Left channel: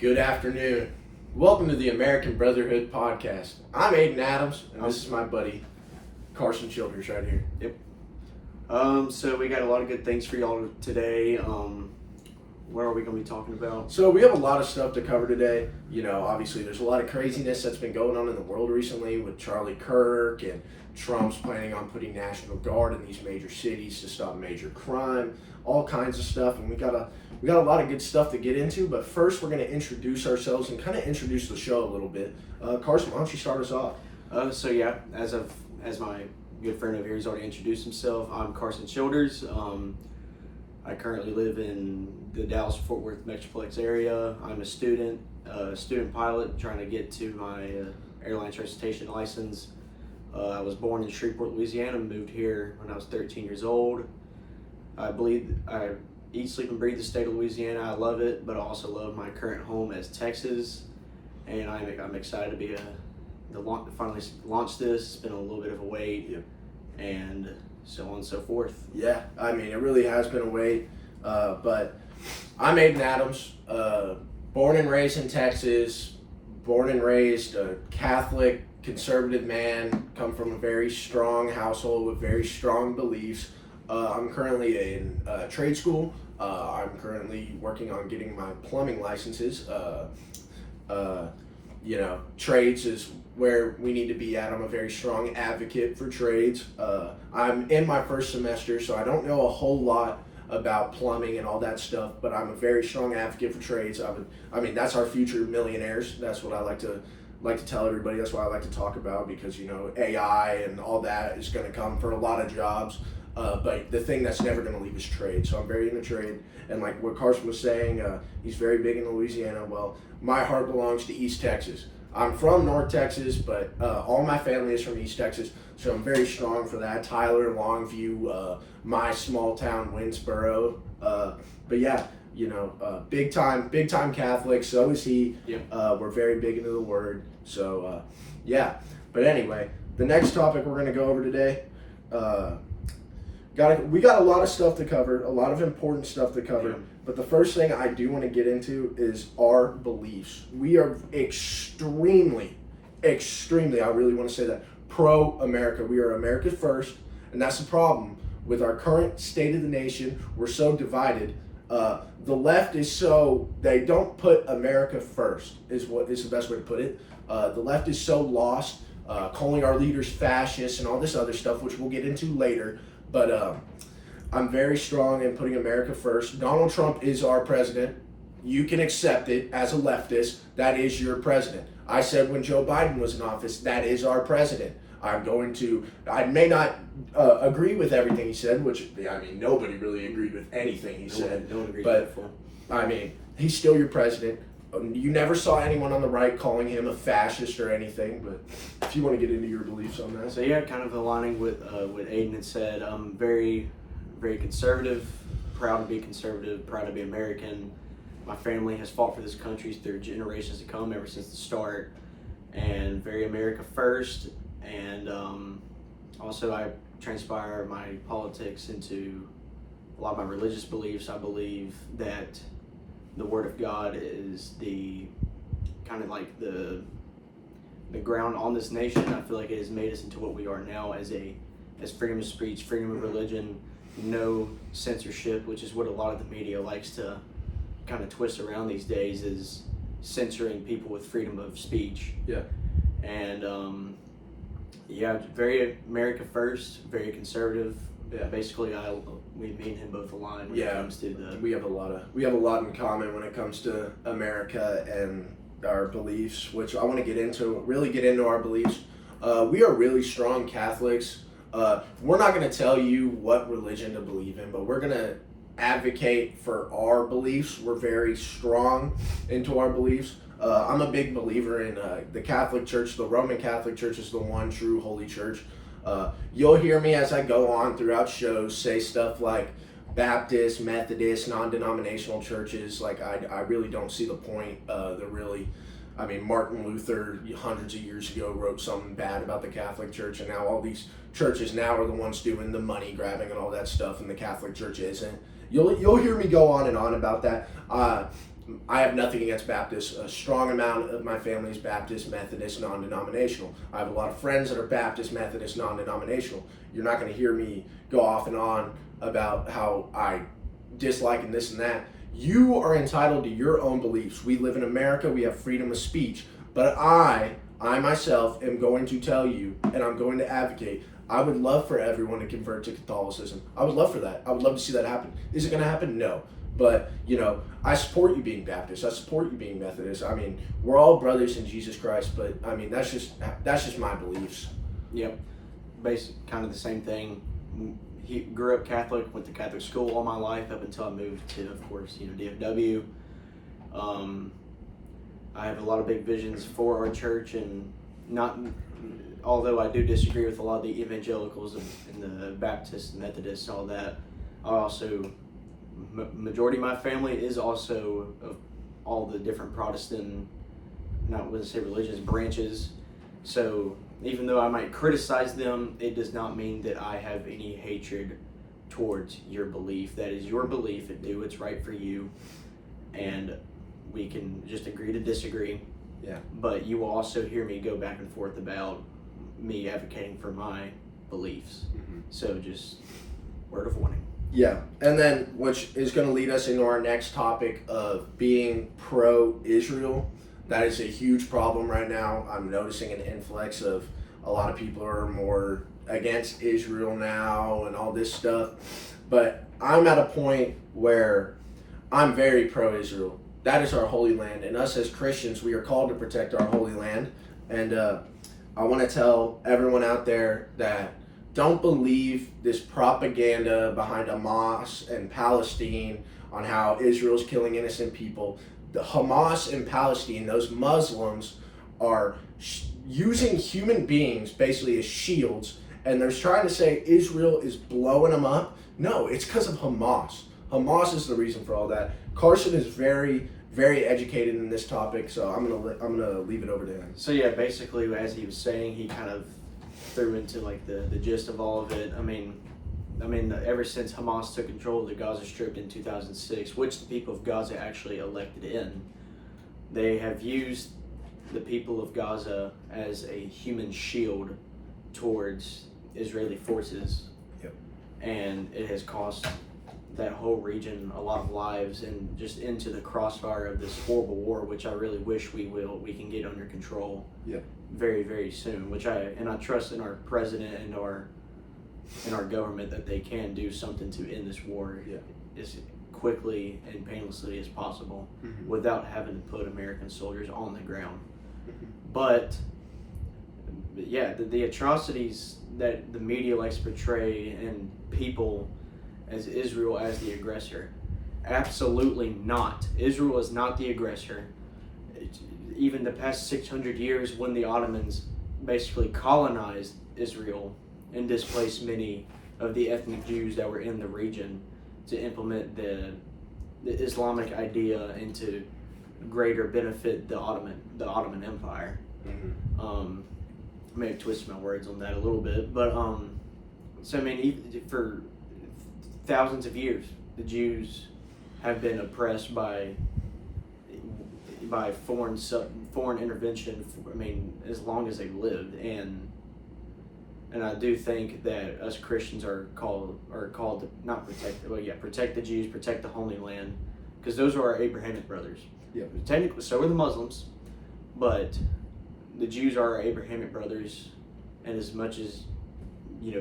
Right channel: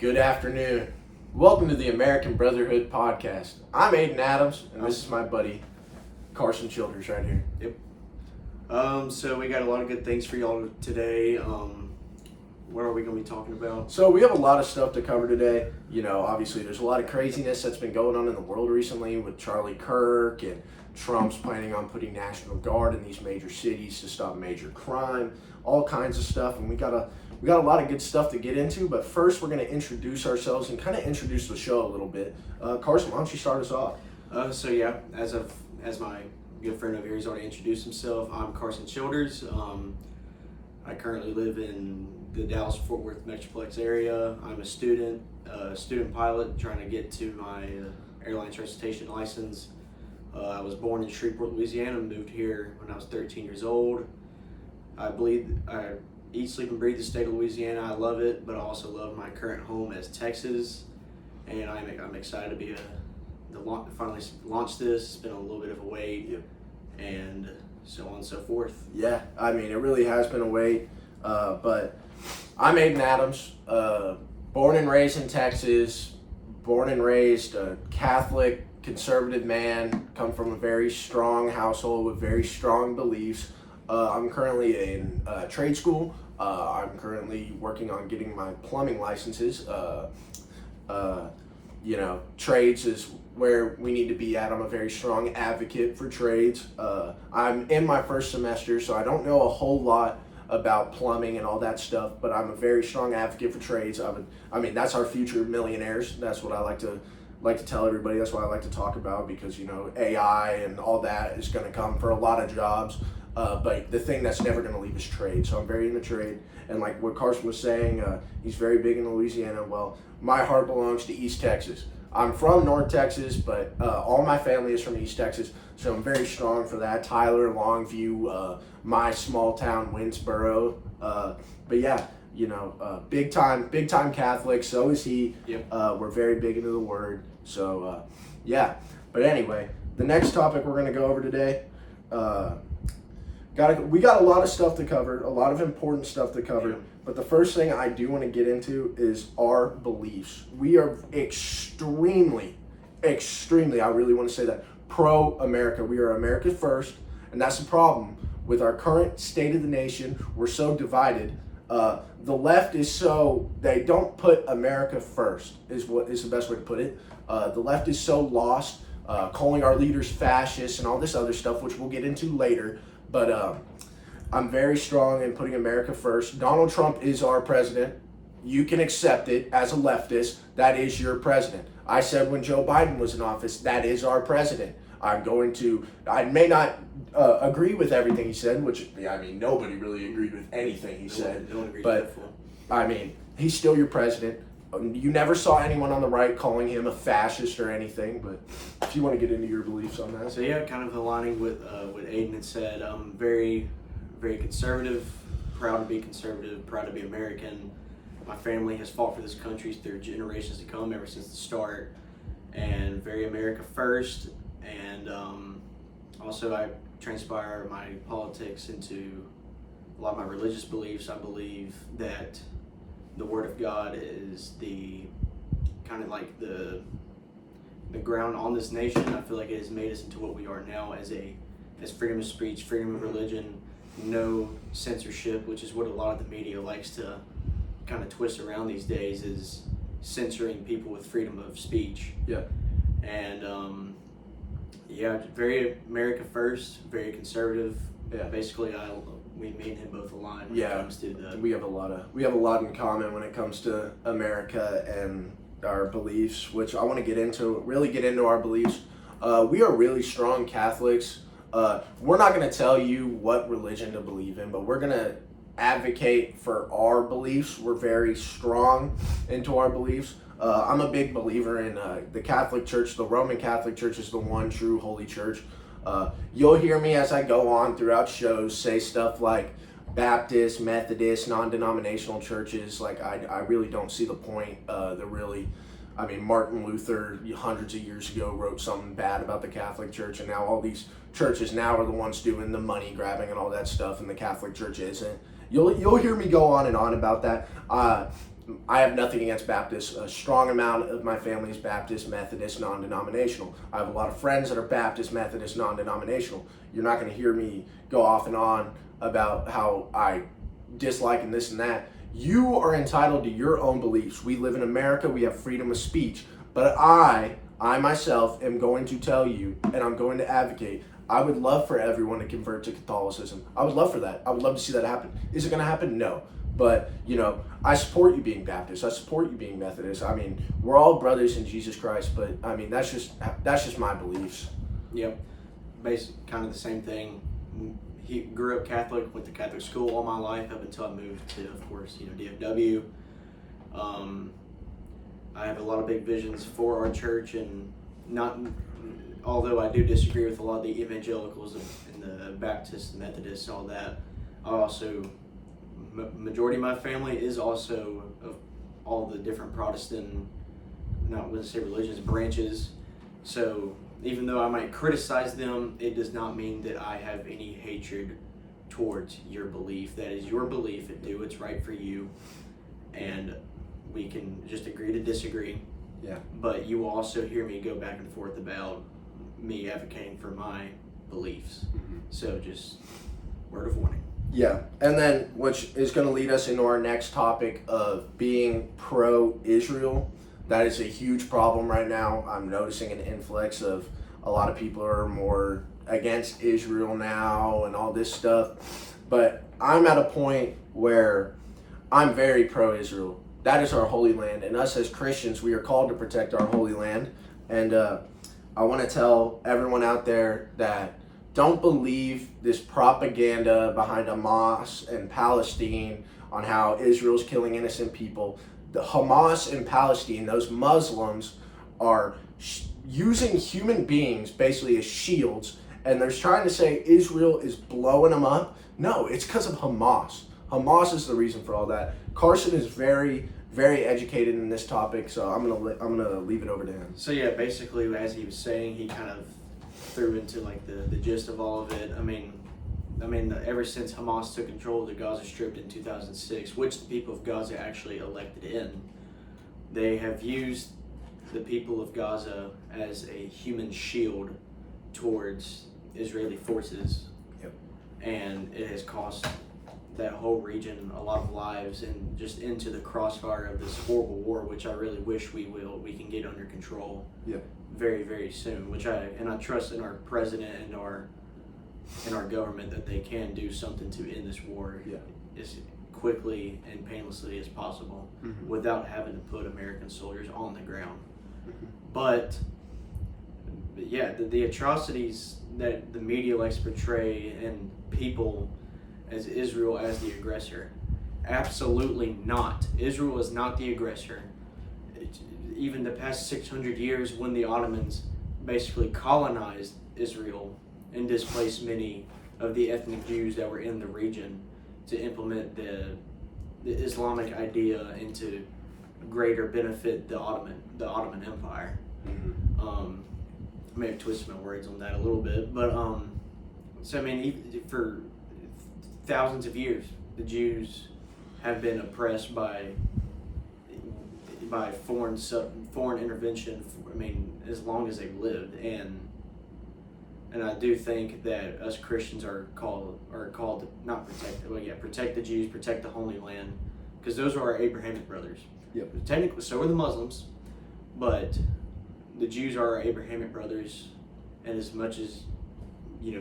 Good afternoon. Welcome to the American Brotherhood podcast. I'm Aiden Adams, and this is my buddy Carson Childers right here. So we got a lot of good things for y'all today. What are we going to be talking about? So we have a lot of stuff to cover today. You know, obviously there's a lot of craziness that's been going on in the world recently with Charlie Kirk, and Trump's planning on putting National Guard in these major cities to stop major crime, all kinds of stuff, and we got a lot of good stuff to get into. But first, we're going to introduce ourselves and kind of introduce the show a little bit. Carson, why don't you start us off? As my good friend over here has already introduced himself, I'm Carson Childers. I currently live in the Dallas-Fort Worth Metroplex area. I'm a student pilot trying to get to my airline transportation license. I was born in Shreveport, Louisiana, moved here when I was 13 years old. I eat, sleep, and breathe the state of Louisiana. I love it, but I also love my current home as Texas. And I'm excited to be finally launch this. It's been a little bit of a wait, and so on and so forth. Yeah, I mean, it really has been a wait, but I'm Aiden Adams, born and raised in Texas, born and raised a Catholic, conservative man, come from a very strong household with very strong beliefs. I'm currently in trade school. I'm currently working on getting my plumbing licenses. Trades is where we need to be at. I'm a very strong advocate for trades. I'm in my first semester, so I don't know a whole lot about plumbing and all that stuff, but I'm a very strong advocate for trades. That's our future millionaires. That's what I like to tell everybody. That's what I like to talk about, because, you know, AI and all that is going to come for a lot of jobs. But the thing that's never going to leave is trade. So I'm very into trade. And like what Carson was saying, he's very big in Louisiana. Well, my heart belongs to East Texas. I'm from North Texas, but all my family is from East Texas. So I'm very strong for that. Tyler, Longview, my small town, Winsboro. But yeah, you know, big time Catholic. So is he. Yep. We're very big into the Word. So yeah. But anyway, the next topic we're going to go over today. We got a lot of stuff to cover, a lot of important stuff to cover. Yeah. But the first thing I do want to get into is our beliefs. We are extremely, I really want to say that, pro-America. We are America first, and that's the problem with our current state of the nation. We're so divided. The left is they don't put America first, is the best way to put it. The left is so lost, calling our leaders fascists and all this other stuff, which we'll get into later. But I'm very strong in putting America first. Donald Trump is our president. You can accept it as a leftist. That is your president. I said when Joe Biden was in office, that is our president. I may not agree with everything he said, which, I mean, nobody really agreed with anything he said. No one agreed but, with that. I mean, he's still your president. You never saw anyone on the right calling him a fascist or anything, but if you want to get into your beliefs on that. So yeah, kind of aligning with what Aiden had said, I'm very, very conservative, proud to be conservative, proud to be American. My family has fought for this country through generations to come, ever since the start, and very America first. And also I transpire my politics into a lot of my religious beliefs. I believe that the Word of God is the kind of like the ground on this nation. I feel like it has made us into what we are now as freedom of speech, freedom of religion, no censorship, which is what a lot of the media likes to kind of twist around these days, is censoring people with freedom of speech. Yeah. And very America first, very conservative. Yeah. Basically, me and him both align when it comes to the. We have a lot in common when it comes to America and our beliefs, which I want to get into our beliefs. We are really strong Catholics. We're not going to tell you what religion to believe in, but we're going to advocate for our beliefs. We're very strong into our beliefs. I'm a big believer in the Catholic Church. The Roman Catholic Church is the one true holy church. You'll hear me as I go on throughout shows say stuff like Baptist, Methodist, non-denominational churches. Like, I really don't see the point. Martin Luther hundreds of years ago wrote something bad about the Catholic Church, and now all these churches now are the ones doing the money grabbing and all that stuff, and the Catholic Church isn't. You'll hear me go on and on about that. I have nothing against Baptists. A strong amount of my family is Baptist, Methodist, non-denominational. I have a lot of friends that are Baptist, Methodist, non-denominational. You're not going to hear me go off and on about how I dislike and this and that. You are entitled to your own beliefs. We live in America. We have freedom of speech. But I myself am going to tell you, and I'm going to advocate, I would love for everyone to convert to Catholicism. I would love for that. I would love to see that happen. Is it going to happen? No. But, I support you being Baptist. I support you being Methodist. I mean, we're all brothers in Jesus Christ, but I mean, that's just my beliefs. Yep. Basically, kind of the same thing. He grew up Catholic, went to Catholic school all my life up until I moved to, of course, DFW. I have a lot of big visions for our church, and although I do disagree with a lot of the evangelicals and the Baptists and Methodists and all that, I also, majority of my family is also of all the different Protestant, not going to say religions, branches. So even though I might criticize them, it does not mean that I have any hatred towards your belief. That is your belief, and do what's right for you. And we can just agree to disagree. Yeah. But you will also hear me go back and forth about me advocating for my beliefs. Mm-hmm. So just word of warning. Yeah, and then which is going to lead us into our next topic of being pro-Israel. That is a huge problem right now. I'm noticing an influx of a lot of people are more against Israel now and all this stuff. But I'm at a point where I'm very pro-Israel. That is our holy land, and us as Christians, we are called to protect our holy land. And I want to tell everyone out there that don't believe this propaganda behind Hamas and Palestine on how Israel's killing innocent people. The Hamas in Palestine, those Muslims, are using human beings basically as shields, and they're trying to say Israel is blowing them up. No, it's because of Hamas. Hamas is the reason for all that. Carson is very, very educated in this topic, so I'm gonna leave it over to him. So yeah, basically, as he was saying, he kind of threw into like the gist of all of it. I mean, ever since Hamas took control of the Gaza Strip in 2006, which the people of Gaza actually elected in, they have used the people of Gaza as a human shield towards Israeli forces. Yep. And it has cost that whole region a lot of lives, and just into the crossfire of this horrible war, which I really wish we can get under control. Yep. Very, very soon. I trust in our president and our government that they can do something to end this war as quickly and painlessly as possible, mm-hmm. without having to put American soldiers on the ground. Mm-hmm. But yeah, the atrocities that the media likes to portray and people as Israel as the aggressor. Absolutely not. Israel is not the aggressor. Even the past 600 years, when the Ottomans basically colonized Israel and displaced many of the ethnic Jews that were in the region to implement the Islamic idea and to greater benefit the Ottoman Empire. Mm-hmm. I may have twisted my words on that a little bit, but so I mean, for thousands of years, the Jews have been oppressed by foreign intervention. I mean, as long as they've lived, and I do think that us Christians are called to not protect the Jews, protect the Holy Land, because those are our Abrahamic brothers. Yep. Technically, so are the Muslims, but the Jews are our Abrahamic brothers, and as much as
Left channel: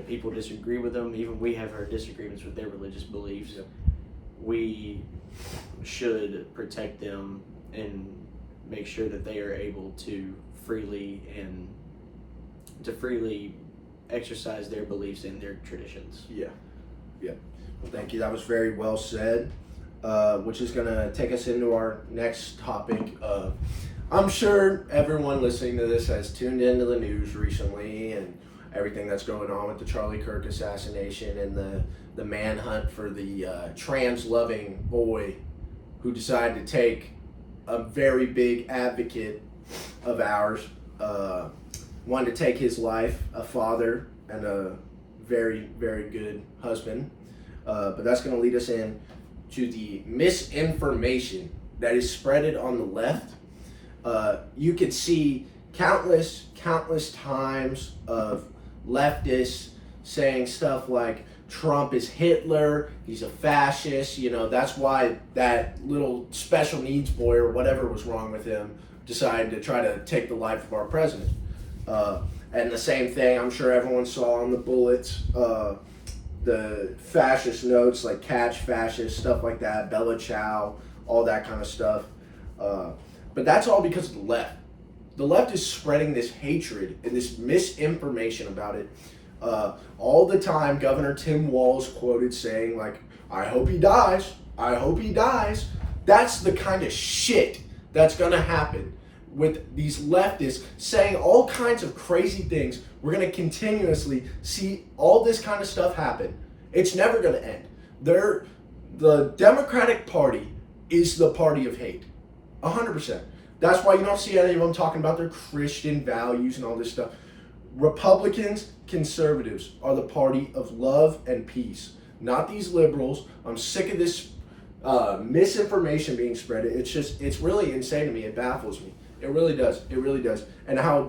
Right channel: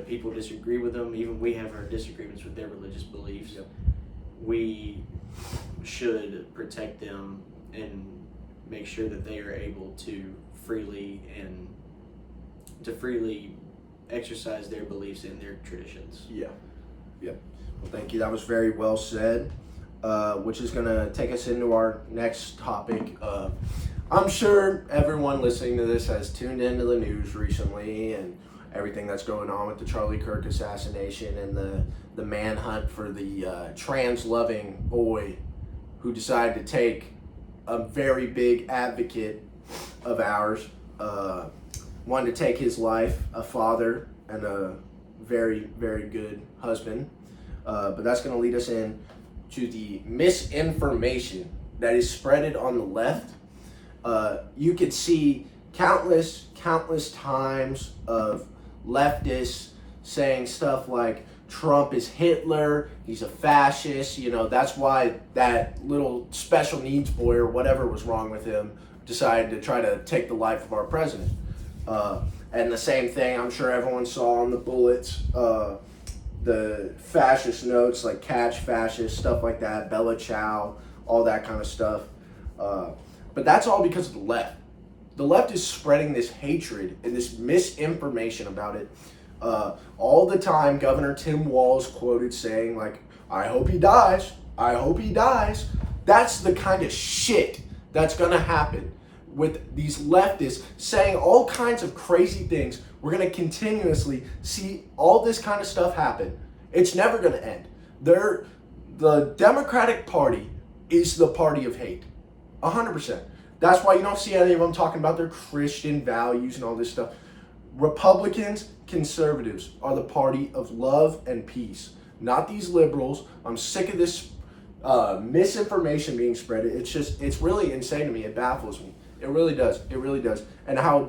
people disagree with them, even we have our disagreements with their religious beliefs. Yep. We should protect them and make sure that they are able to freely exercise their beliefs and their traditions. Yeah. Well, thank you. That was very well said, which is going to take us into our next topic. I'm sure everyone listening to this has tuned into the news recently and everything that's going on with the Charlie Kirk assassination and the manhunt for the trans-loving boy who decided to take a very big advocate of ours, wanted to take his life, a father and a very, very good husband. But that's going to lead us in to the misinformation that is spreaded on the left, you could see countless times of leftists saying stuff like Trump is Hitler, he's a fascist, that's why that little special needs boy or whatever was wrong with him decided to try to take the life of our president. And the same thing, I'm sure everyone saw on the bullets, the fascist notes like catch fascist, stuff like that, Bella Ciao, all that kind of stuff. But that's all because of the left. The left is spreading this hatred and this misinformation about it. All the time, Governor Tim Walz quoted saying, like, I hope he dies. I hope he dies. That's the kind of shit that's going to happen with these leftists saying all kinds of crazy things. We're going to continuously see all this kind of stuff happen. It's never going to end. The Democratic Party is the party of hate. 100%. That's why you don't see any of them talking about their Christian values and all this stuff. Republicans, conservatives are the party of love and peace, not these liberals. I'm sick of this misinformation being spread. It's really insane to me. It baffles me. It really does. It really does. And how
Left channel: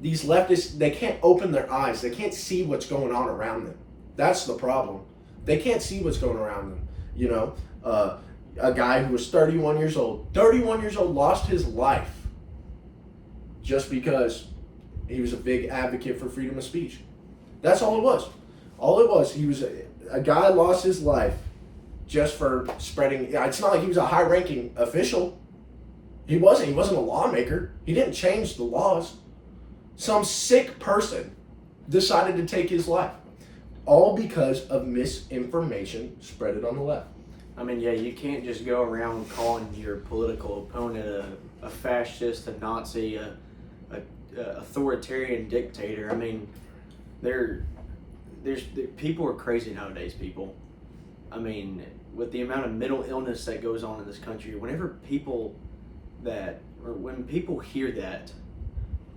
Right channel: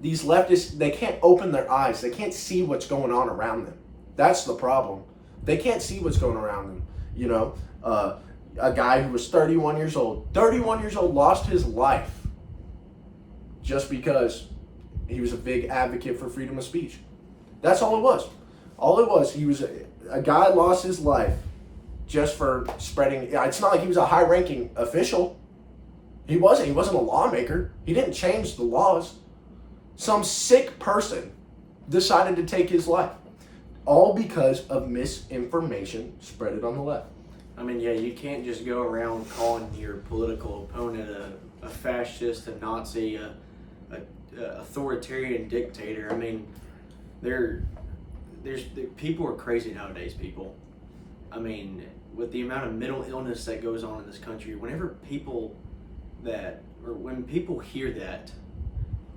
these leftists, they can't open their eyes. They can't see what's going on around them. That's the problem. They can't see what's going around them. A guy who was 31 years old, lost his life just because he was a big advocate for freedom of speech. That's all it was. All it was, he was a guy lost his life just for spreading. It's not like he was a high-ranking official. He wasn't a lawmaker. He didn't change the laws. Some sick person decided to take his life. All because of misinformation spread on the left. I mean, yeah, you can't just go around calling your political opponent a fascist, a Nazi, a authoritarian dictator. I mean, people are crazy nowadays, people. I mean, with the amount of mental illness that goes on in this country, when people hear that,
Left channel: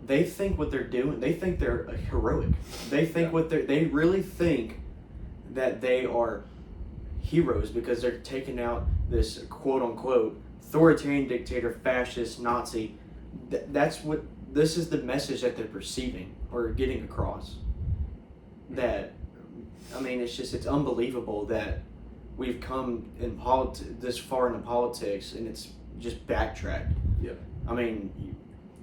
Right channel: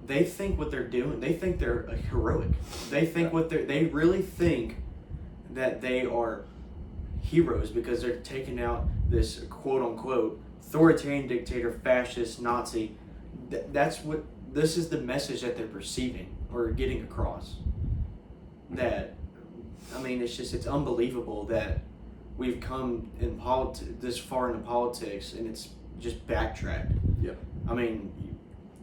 they think what they're doing, they think they're heroic. They think they really think that they are heroes because they're taking out this quote unquote authoritarian dictator, fascist, Nazi. This is the message that they're perceiving or getting across. That, I mean, it's unbelievable that we've come in this far into politics and it's just backtracked. Yep. I mean,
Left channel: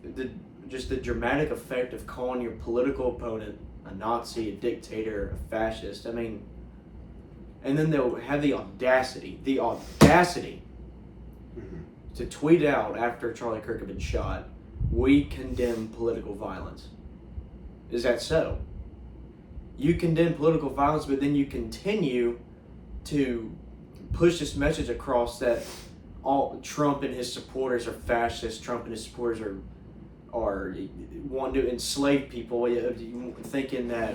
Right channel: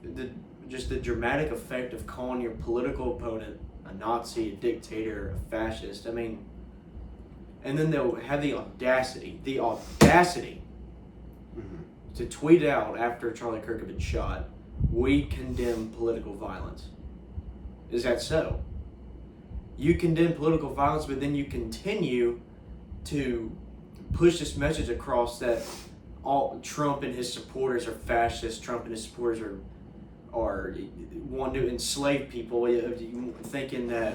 the dramatic effect of calling your political opponent a Nazi, a dictator, a fascist. I mean, and then they'll have the audacity to tweet out after Charlie Kirk had been shot, "We condemn political violence." Is that so? You condemn political violence, but then you continue to push this message across that all Trump and his supporters are fascists. Trump and his supporters are want to enslave people, thinking that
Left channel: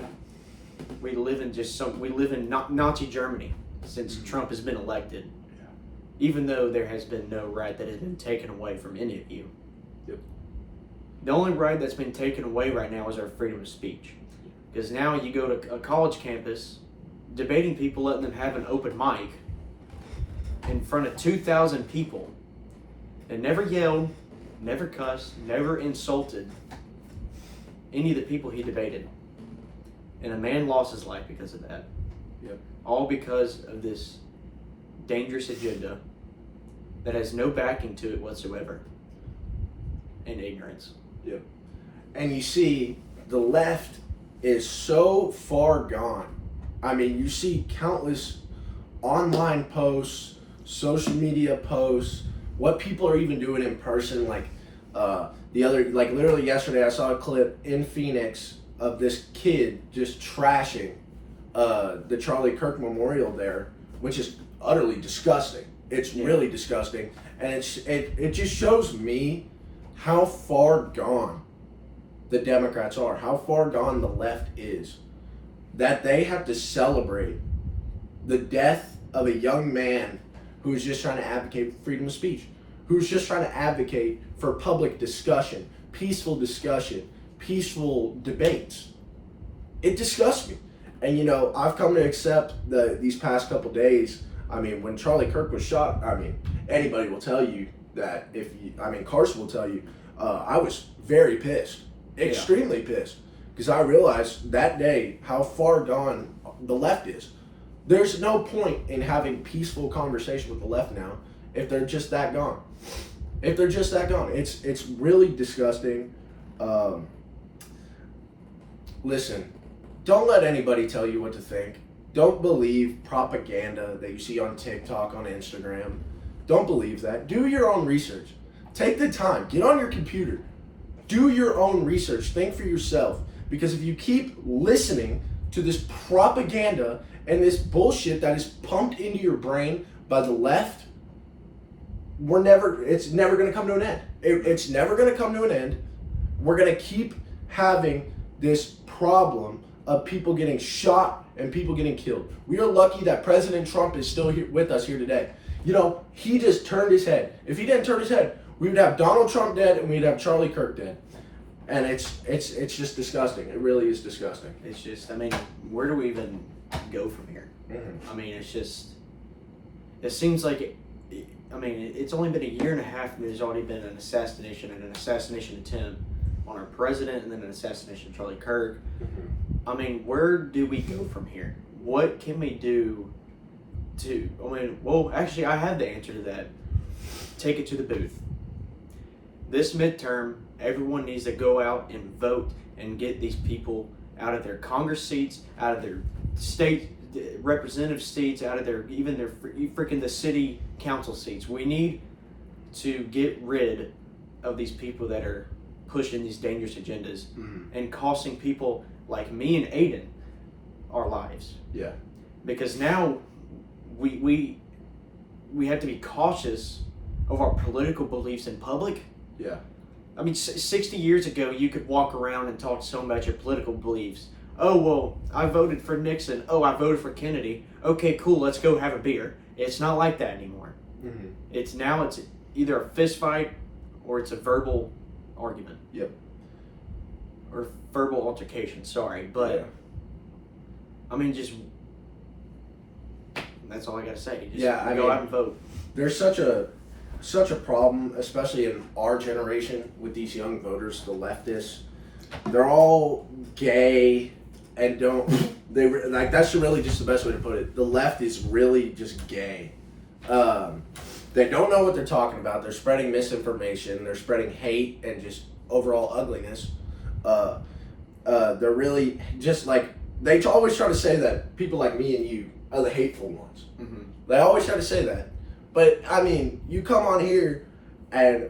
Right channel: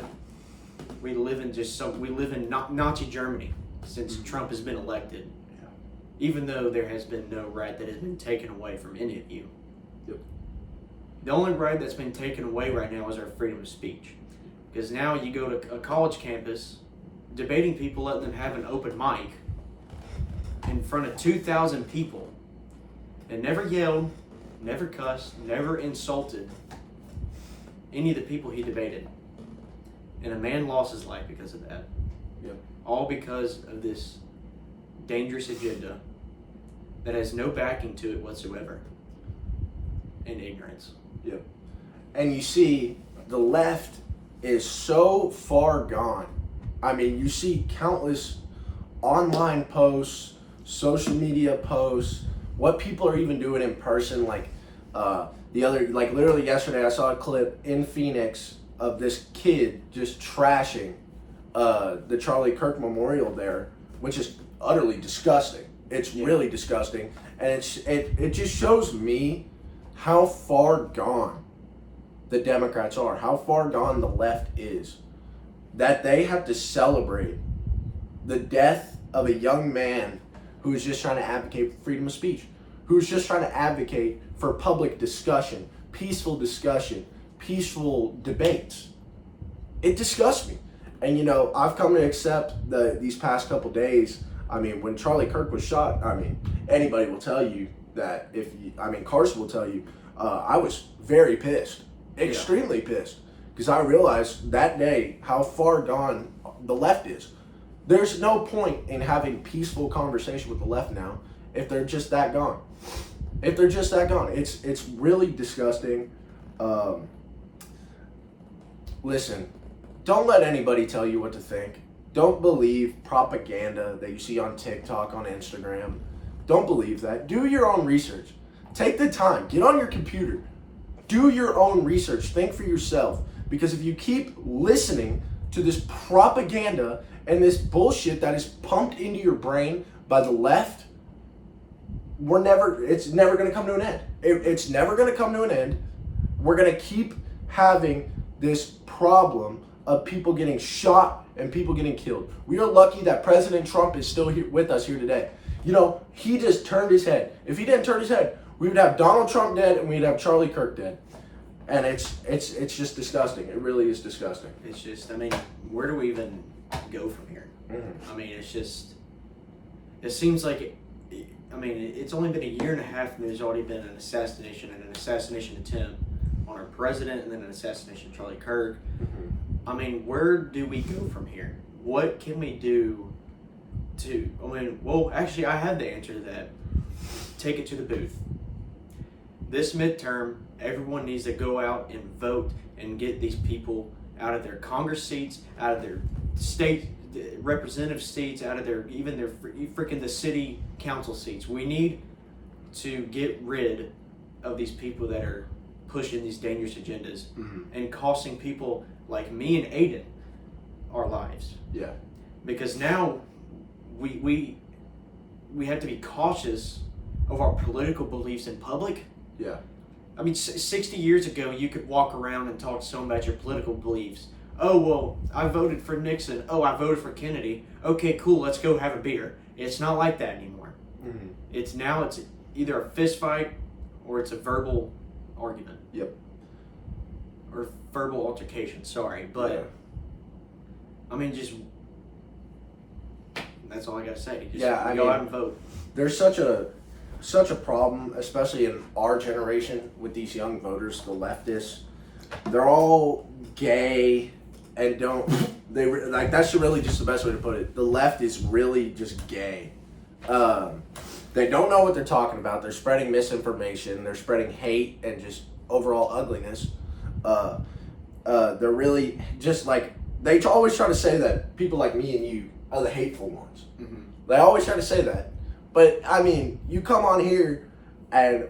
we live in Nazi Germany since Trump has been elected. Yeah. Even though there has been no right that has been taken away from any of you. Yep. The only right that's been taken away right now is our freedom of speech. Because now you go to a college campus, debating people, letting them have an open mic in front of 2,000 people, and never yelled, never cussed, never insulted any of the people he debated. And a man lost his life because of that. Yep. All because of this dangerous agenda that has no backing to it whatsoever. And ignorance. Yep. And you see, the left is so far gone. I mean, you see countless online posts, social media posts, what people are even doing in person. Literally yesterday I saw a clip in Phoenix of this kid just trashing the Charlie Kirk Memorial there, which is utterly disgusting. It's really disgusting. And it just shows me how far gone the Democrats are, how far gone the left is, that they have to celebrate the death of a young man who is just trying to advocate for freedom of speech, who's just trying to advocate for public discussion, peaceful debates. It disgusts me. And I've come to accept these past couple days, I mean, when Charlie Kirk was shot, I mean, anybody will tell you that Carson will tell you, I was very pissed, extremely pissed, because I realized that day how far gone the left is. There's no point in having peaceful conversation with the left now if they're just that gone. It's really disgusting. Listen, don't let anybody tell you what to think. Don't believe propaganda that you see on TikTok, on Instagram. Don't believe that. Do your own research. Take the time. Get on your computer. Do your own research. Think for yourself. Because if you keep listening to this propaganda and this bullshit that is pumped into your brain by the left, it's never going to come to an end. It's never going to come to an end. We're going to keep having this problem of people getting shot and people getting killed. We are lucky that President Trump is still here with us here today. You know, he just turned his head. If he didn't turn his head, we would have Donald Trump dead and we'd have Charlie Kirk dead. And it's just disgusting. It really is disgusting. It's just, I mean, where do we even go from here? Mm-hmm. I mean, it's just, it seems like, it's only been a year and a half and there's already been an assassination attempt on our president and then an assassination of Charlie Kirk. Mm-hmm. I mean, where do we go from here? What can we do actually, I had the answer to that. Take it to the booth. This midterm, everyone needs to go out and vote and get these people out of their Congress seats, out of their state representative seats, out of their the city council seats. We need to get rid of these people that are pushing these dangerous agendas and costing people like me and Aiden our lives. Yeah. Because now we have to be cautious of our political beliefs in public. Yeah. I mean, 60 years ago, you could walk around and talk to someone about your political beliefs. Oh, well, I voted for Nixon. Oh, I voted for Kennedy. Okay, cool, let's go have a beer. It's not like that anymore. Mm-hmm. It's either a fist fight or it's a verbal argument. Yep. Or verbal altercation, sorry. But, yeah. I mean, just, that's all I got to say. Just go out and vote. There's such a problem, especially in our generation, with these young voters, the leftists. They're all gay and that's really just the best way to put it. The left is really just gay. They don't know what they're talking about. They're spreading misinformation. They're spreading hate and just overall ugliness. They're really just like, they always try to say that people like me and you are the hateful ones. Mm-hmm. They always try to say that. But, I mean, you come on here and,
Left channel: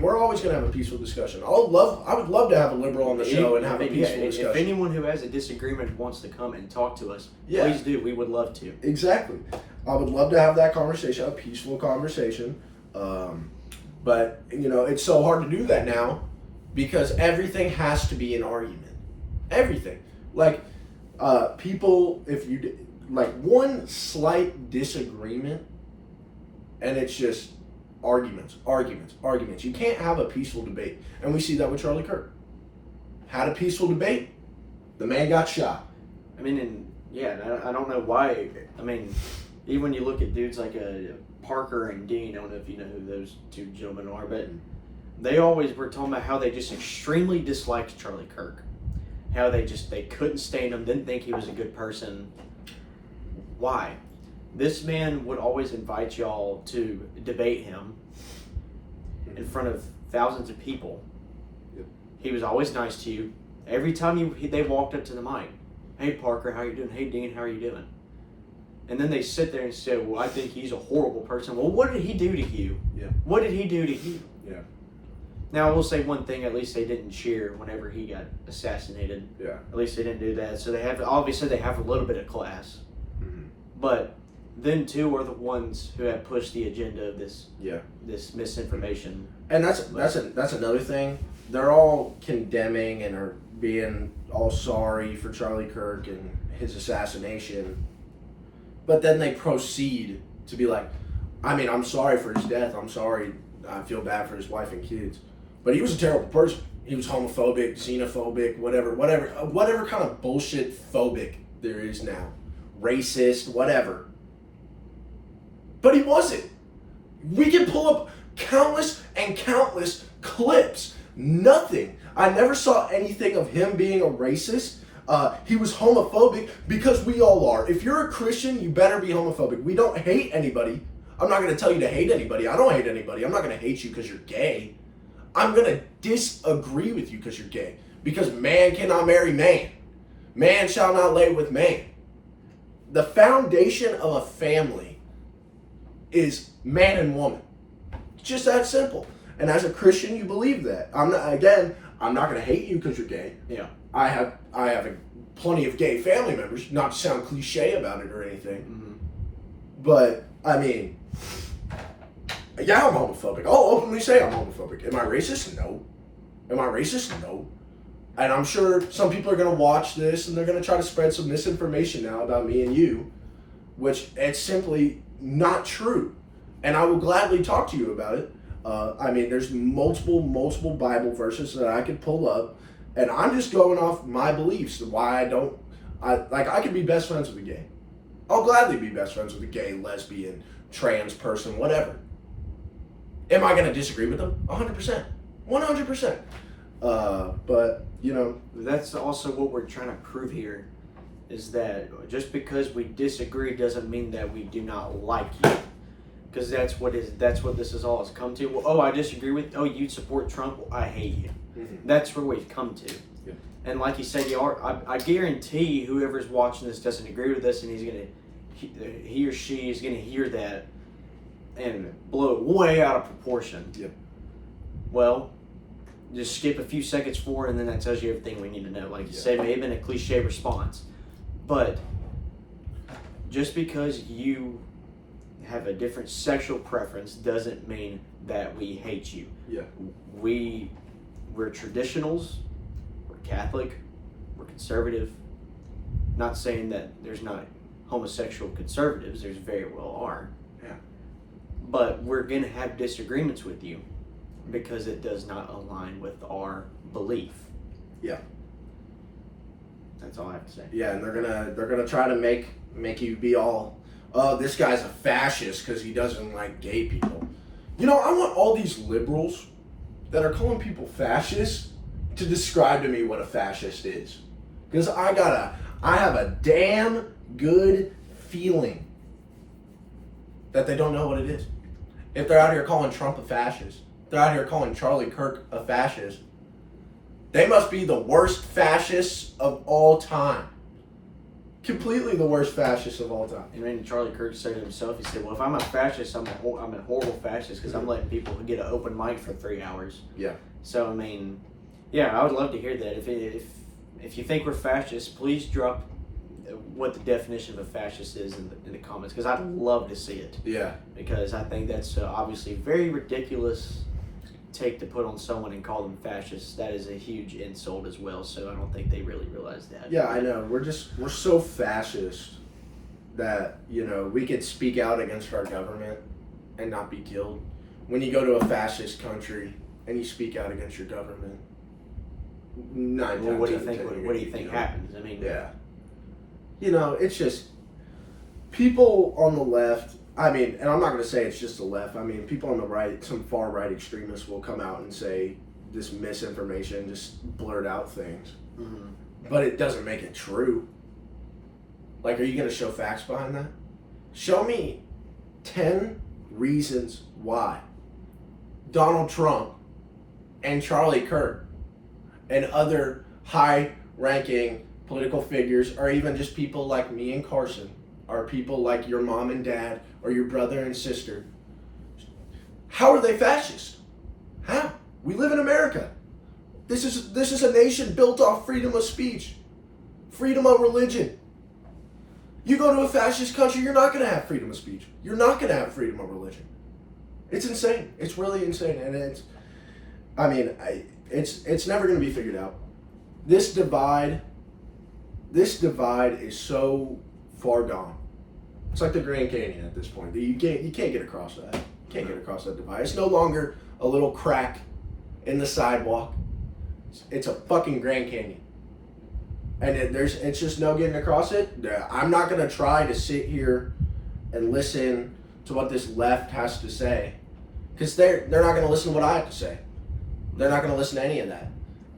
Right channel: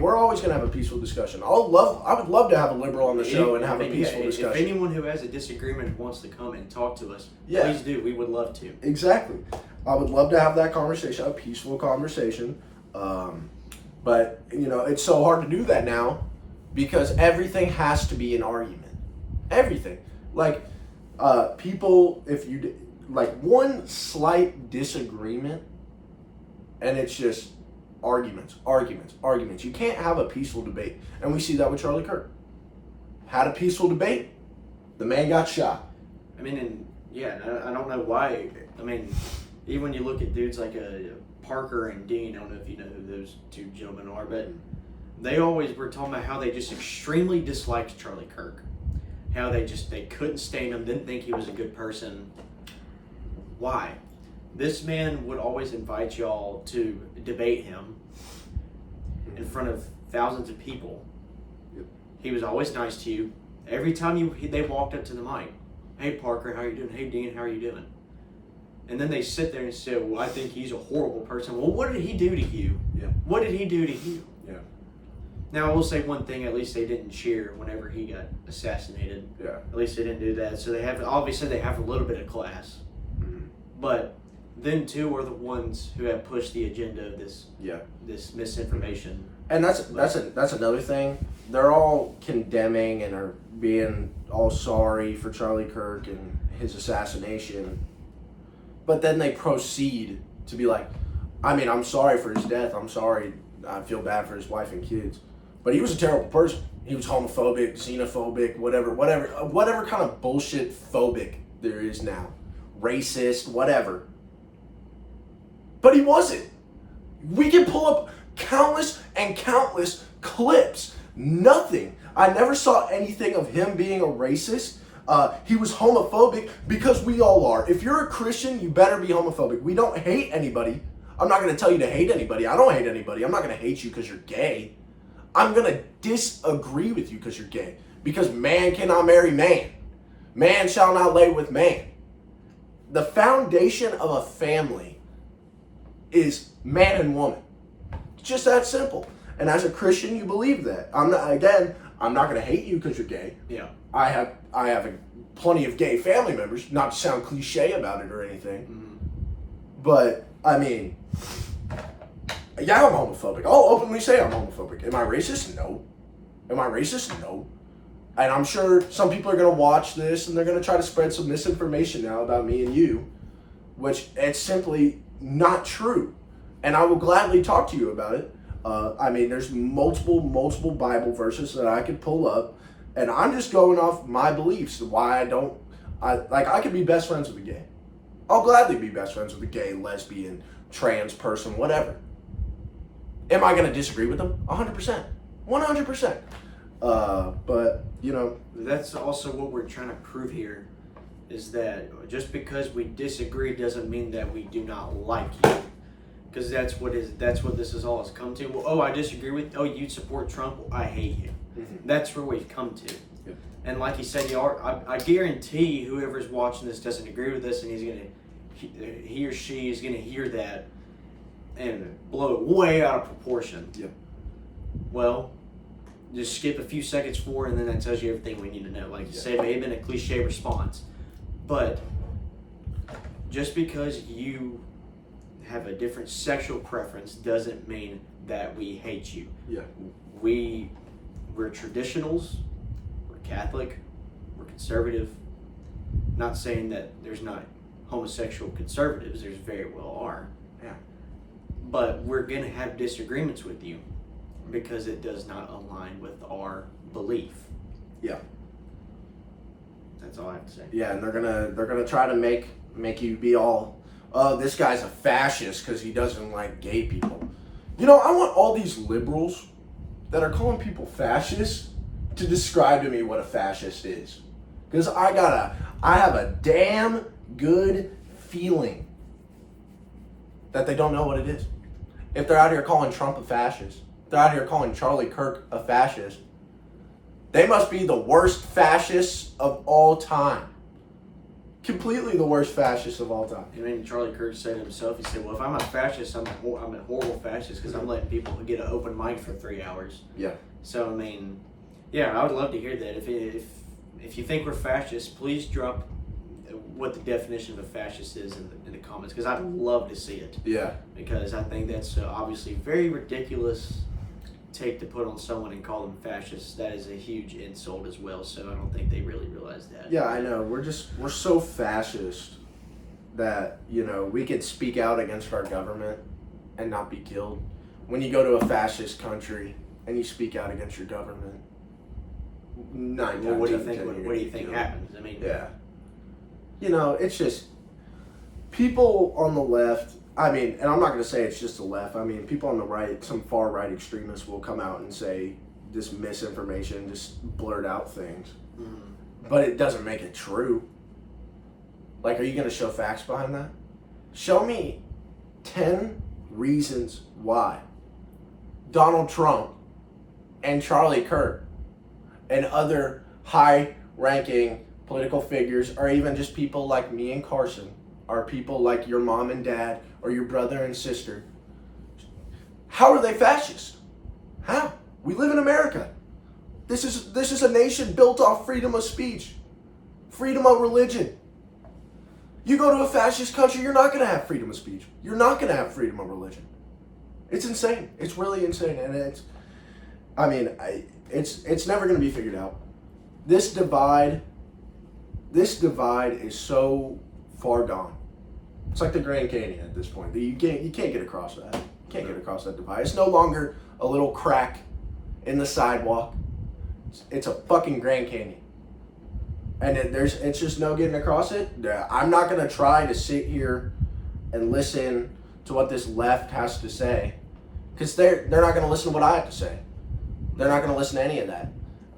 we're always going to have a peaceful discussion. I would love to have a liberal on the show and have a peaceful discussion. If anyone who has a disagreement wants to come and talk to us, please do. We would love to. Exactly. I would love to have that conversation, a peaceful conversation. But, it's so hard to do that now because everything has to be an argument. Everything. Like, people, if you, one slight disagreement, and it's just arguments. You can't have a peaceful debate. And we see that with Charlie Kirk. Had a peaceful debate, the man got shot. I don't know why. Even when you look at dudes like Parker and Dean, I don't know if you know who those two gentlemen are, but they always were talking about how they just extremely disliked Charlie Kirk. How they couldn't stand him, didn't think he was a good person. Why? This man would always invite y'all to debate him in front of thousands of people. Yep. He was always nice to you. Every time they walked up to the mic, hey Parker, how you doing? Hey Dean, how are you doing? And then they sit there and say, well, I think he's a horrible person. Well, what did he do to you? Yeah. What did he do to you? Yeah. Now, I will say one thing, at least they didn't cheer whenever he got assassinated. Yeah. At least they didn't do that. So they have a little bit of class. Mm-hmm. But them two are the ones who have pushed the agenda of this misinformation. And that's another thing. They're all condemning and are being all sorry for Charlie Kirk and his assassination. But then they proceed to be like, I'm sorry for his death. I'm sorry. I feel bad for his wife and kids. But he was a terrible person. He was homophobic, xenophobic, whatever kind of bullshit phobic there is now. Racist, whatever. But he wasn't. We can pull up countless and countless clips. Nothing. I never saw anything of him being a racist. He was homophobic because we all are. If you're a Christian, you better be homophobic. We don't hate anybody. I'm not going to tell you to hate anybody. I don't hate anybody. I'm not going to hate you because you're gay. I'm going to disagree with you because you're gay. Because man cannot marry man. Man shall not lay with man. The foundation of a family is man and woman. It's just that simple. And as a Christian, you believe that. I'm not going to hate you because you're gay. Yeah. I have plenty of gay family members, not to sound cliche about it or anything. Mm-hmm. But, I mean, yeah, I'm homophobic. I'll openly say I'm homophobic. Am I racist? No. Am I racist? No. And I'm sure some people are going to watch this and they're going to try to spread some misinformation now about me and you, which it's simply not true. And I will gladly talk to you about it. I mean, there's multiple Bible verses that I could pull up, and I'm just going off my beliefs. Why I could be best friends with a gay. I'll gladly be best friends with a gay, lesbian, trans person, whatever. Am I going to disagree with them? 100%. 100%. But, you know. That's also what we're trying to prove here, is that just because we disagree doesn't mean that we do not like you. Because that's what this is all has come to. Well, I disagree with. Oh, you support Trump. Well, I hate you. Mm-hmm. That's where we've come to. Yep. And like you said, I guarantee whoever's watching this doesn't agree with us, and he or she is gonna hear that and blow it way out of proportion. Yep. Well, just skip a few seconds forward, and then that tells you everything we need to know. Like you said, it may have been a cliche response, but just because you have a different sexual preference doesn't mean that we hate you. Yeah. We're traditionals, we're Catholic, we're conservative. Not saying that there's not homosexual conservatives, there's very well are. Yeah. But we're gonna have disagreements with you because it does not align with our belief. Yeah. That's all I have to say. Yeah, and they're gonna try to make you be all, oh, this guy's a fascist because he doesn't like gay people. You know, I want all these liberals that are calling people fascists to describe to me what a fascist is. Because I have a damn good feeling that they don't know what it is. If they're out here calling Trump a fascist, they're out here calling Charlie Kirk a fascist, they must be the worst fascists of all time. Completely the worst fascist of all time. And then Charlie Kirk said himself, he said, well, if I'm a fascist, I'm a horrible fascist because I'm letting people get an open mic for 3 hours. Yeah. So, I mean, yeah, I would love to hear that. If you think we're fascists, please drop what the definition of a fascist is in the comments, because I'd love to see it. Yeah. Because I think that's obviously very ridiculous take to put on someone and call them fascists. That is a huge insult as well, so I don't think they really realize that. Yeah, I know. We're so fascist that, you know, we could speak out against our government and not be killed. When you go to a fascist country and you speak out against your government, what do you think happens? I mean, yeah. You know, it's just people on the left. I mean, and I'm not going to say it's just the left. I mean, people on the right, some far right extremists will come out and say this misinformation, just blurt out things. Mm-hmm. But it doesn't make it true. Like, are you going to show facts behind that? Show me 10 reasons why Donald Trump and Charlie Kirk and other high-ranking political figures, or even just people like me and Carson, or people like your mom and dad, or your brother and sister, how are they fascist? How? We live in America. This is a nation built off freedom of speech, freedom of religion. You go to a fascist country, you're not going to have freedom of speech. You're not going to have freedom of religion. It's insane. It's really insane, and it's never going to be figured out. This divide is so far gone. It's like the Grand Canyon at this point. You can't get across that. You can't get across that divide. It's no longer a little crack in the sidewalk. It's a fucking Grand Canyon. And it's just no getting across it. I'm not going to try to sit here and listen to what this left has to say, because they're not going to listen to what I have to say. They're not going to listen to any of that,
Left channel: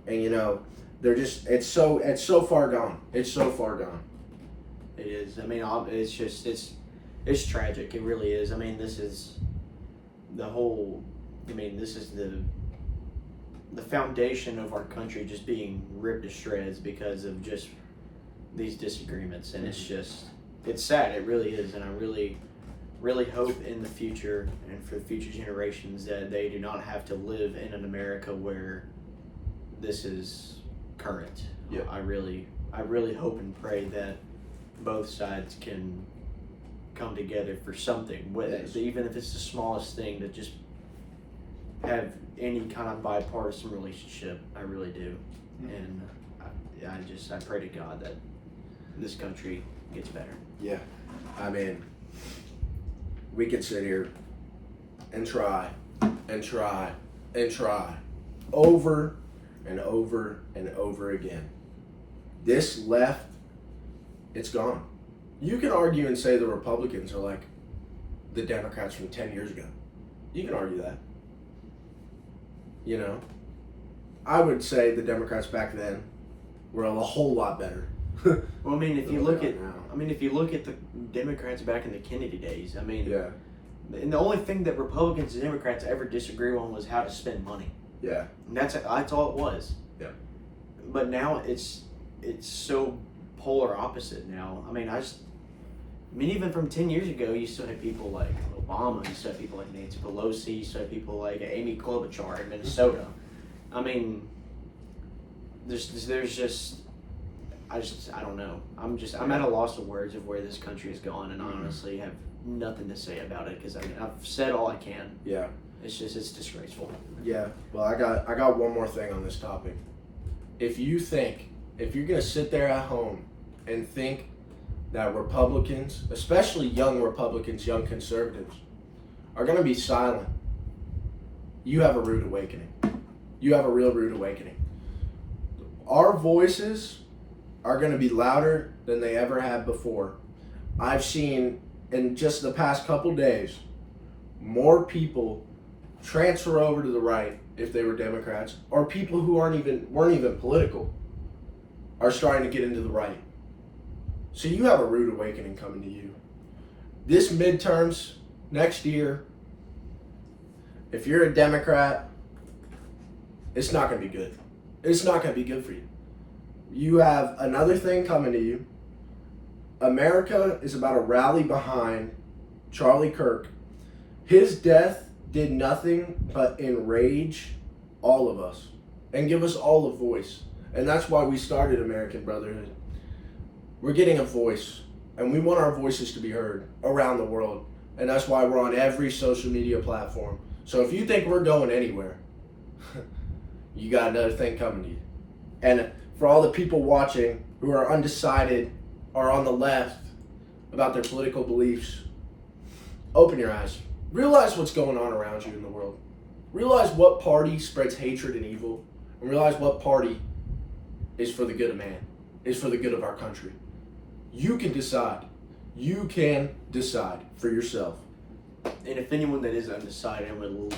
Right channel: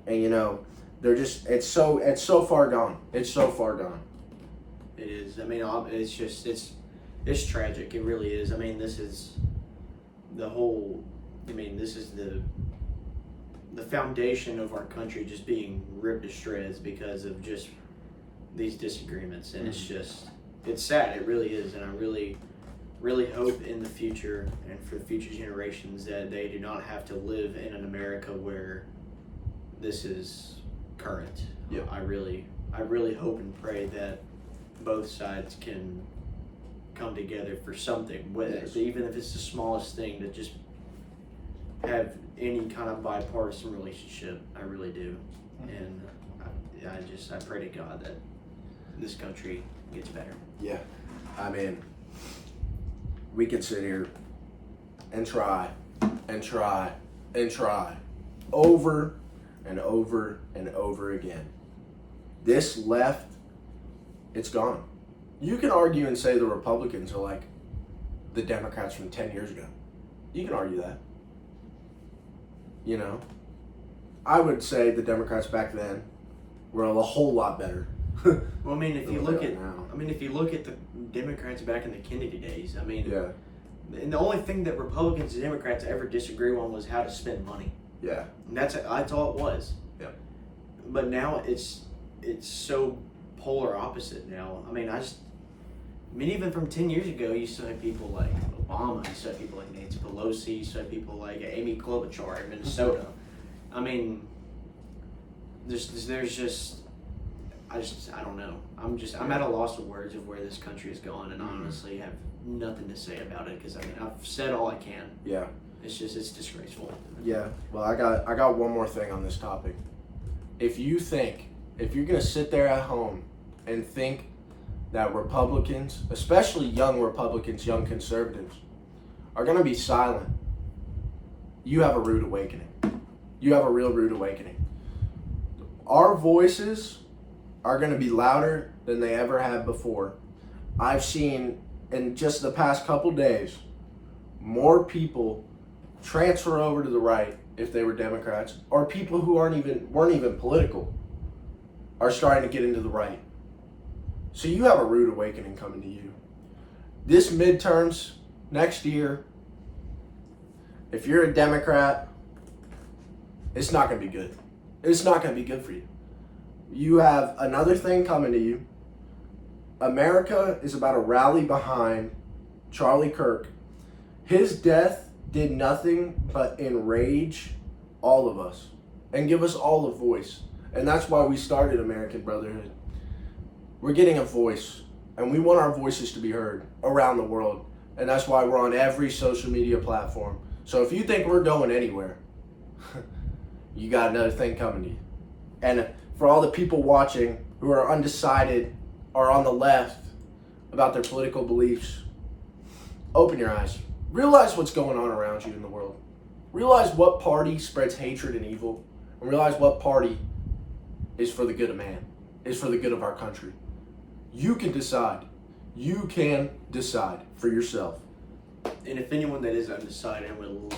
and you know, they're just it's so far gone. It's so far gone. It is. I mean, it's tragic. It really is. I mean, this is the whole. I mean, this is the foundation of our country just being ripped to shreds because of just these disagreements, and it's sad. It really is, and I really hope in the future and for future generations that they do not have to live in an America where this is current. Yep. I really hope and pray that both sides can come together for something, even if it's the smallest thing, to just have any kind of bipartisan relationship. I really do, and I pray to God that this country gets better. Yeah, I mean, we could sit here and try and try and try over and over and over again. This left, it's gone. You can argue and say the Republicans are like the Democrats from 10 years ago. You can argue that. You know, I would say the Democrats back then were a whole lot better. Well, I mean, if you look at the Democrats back in the Kennedy days, I mean, yeah. And the only thing that Republicans and Democrats ever disagree on was how to spend money. Yeah. And that's all it was. Yeah. But now it's so polar opposite now. I mean, even from 10 years ago, you still had people like Obama, you still had people like Nancy Pelosi, you still had people like Amy Klobuchar in Minnesota. I mean, I don't know. I'm at a loss of words of where this country has gone, and I honestly have nothing to say about it because I mean I've said all I can. Yeah. It's disgraceful. Yeah. Well, I got one more thing on this topic. If you're gonna sit there at home and think that Republicans, especially young Republicans, young conservatives, are gonna be silent, you have a rude awakening. You have a real rude awakening. Our voices are going to be louder than they ever have before. I've seen in just the past couple days more people transfer over to the right if they were Democrats, or people who weren't even political are starting to get into the right. So you have a rude awakening coming to you. This midterms next year, if you're a Democrat, it's not going to be good. It's not going to be good for you. You have another thing coming to you. America is about to rally behind Charlie Kirk. His death did nothing but enrage all of us and give us all a voice. And that's why we started American Brotherhood. We're getting a voice, and we want our voices to be heard around the world. And that's why we're on every social media platform. So if you think we're going anywhere, you got another thing coming to you. And for all the people watching who are undecided or on the left about their political beliefs, open your eyes. Realize what's going on around you in the world. Realize what party spreads hatred and evil, and realize what party is for the good of man, is for the good of our country. You can decide. You can decide for yourself. And if anyone that is undecided and would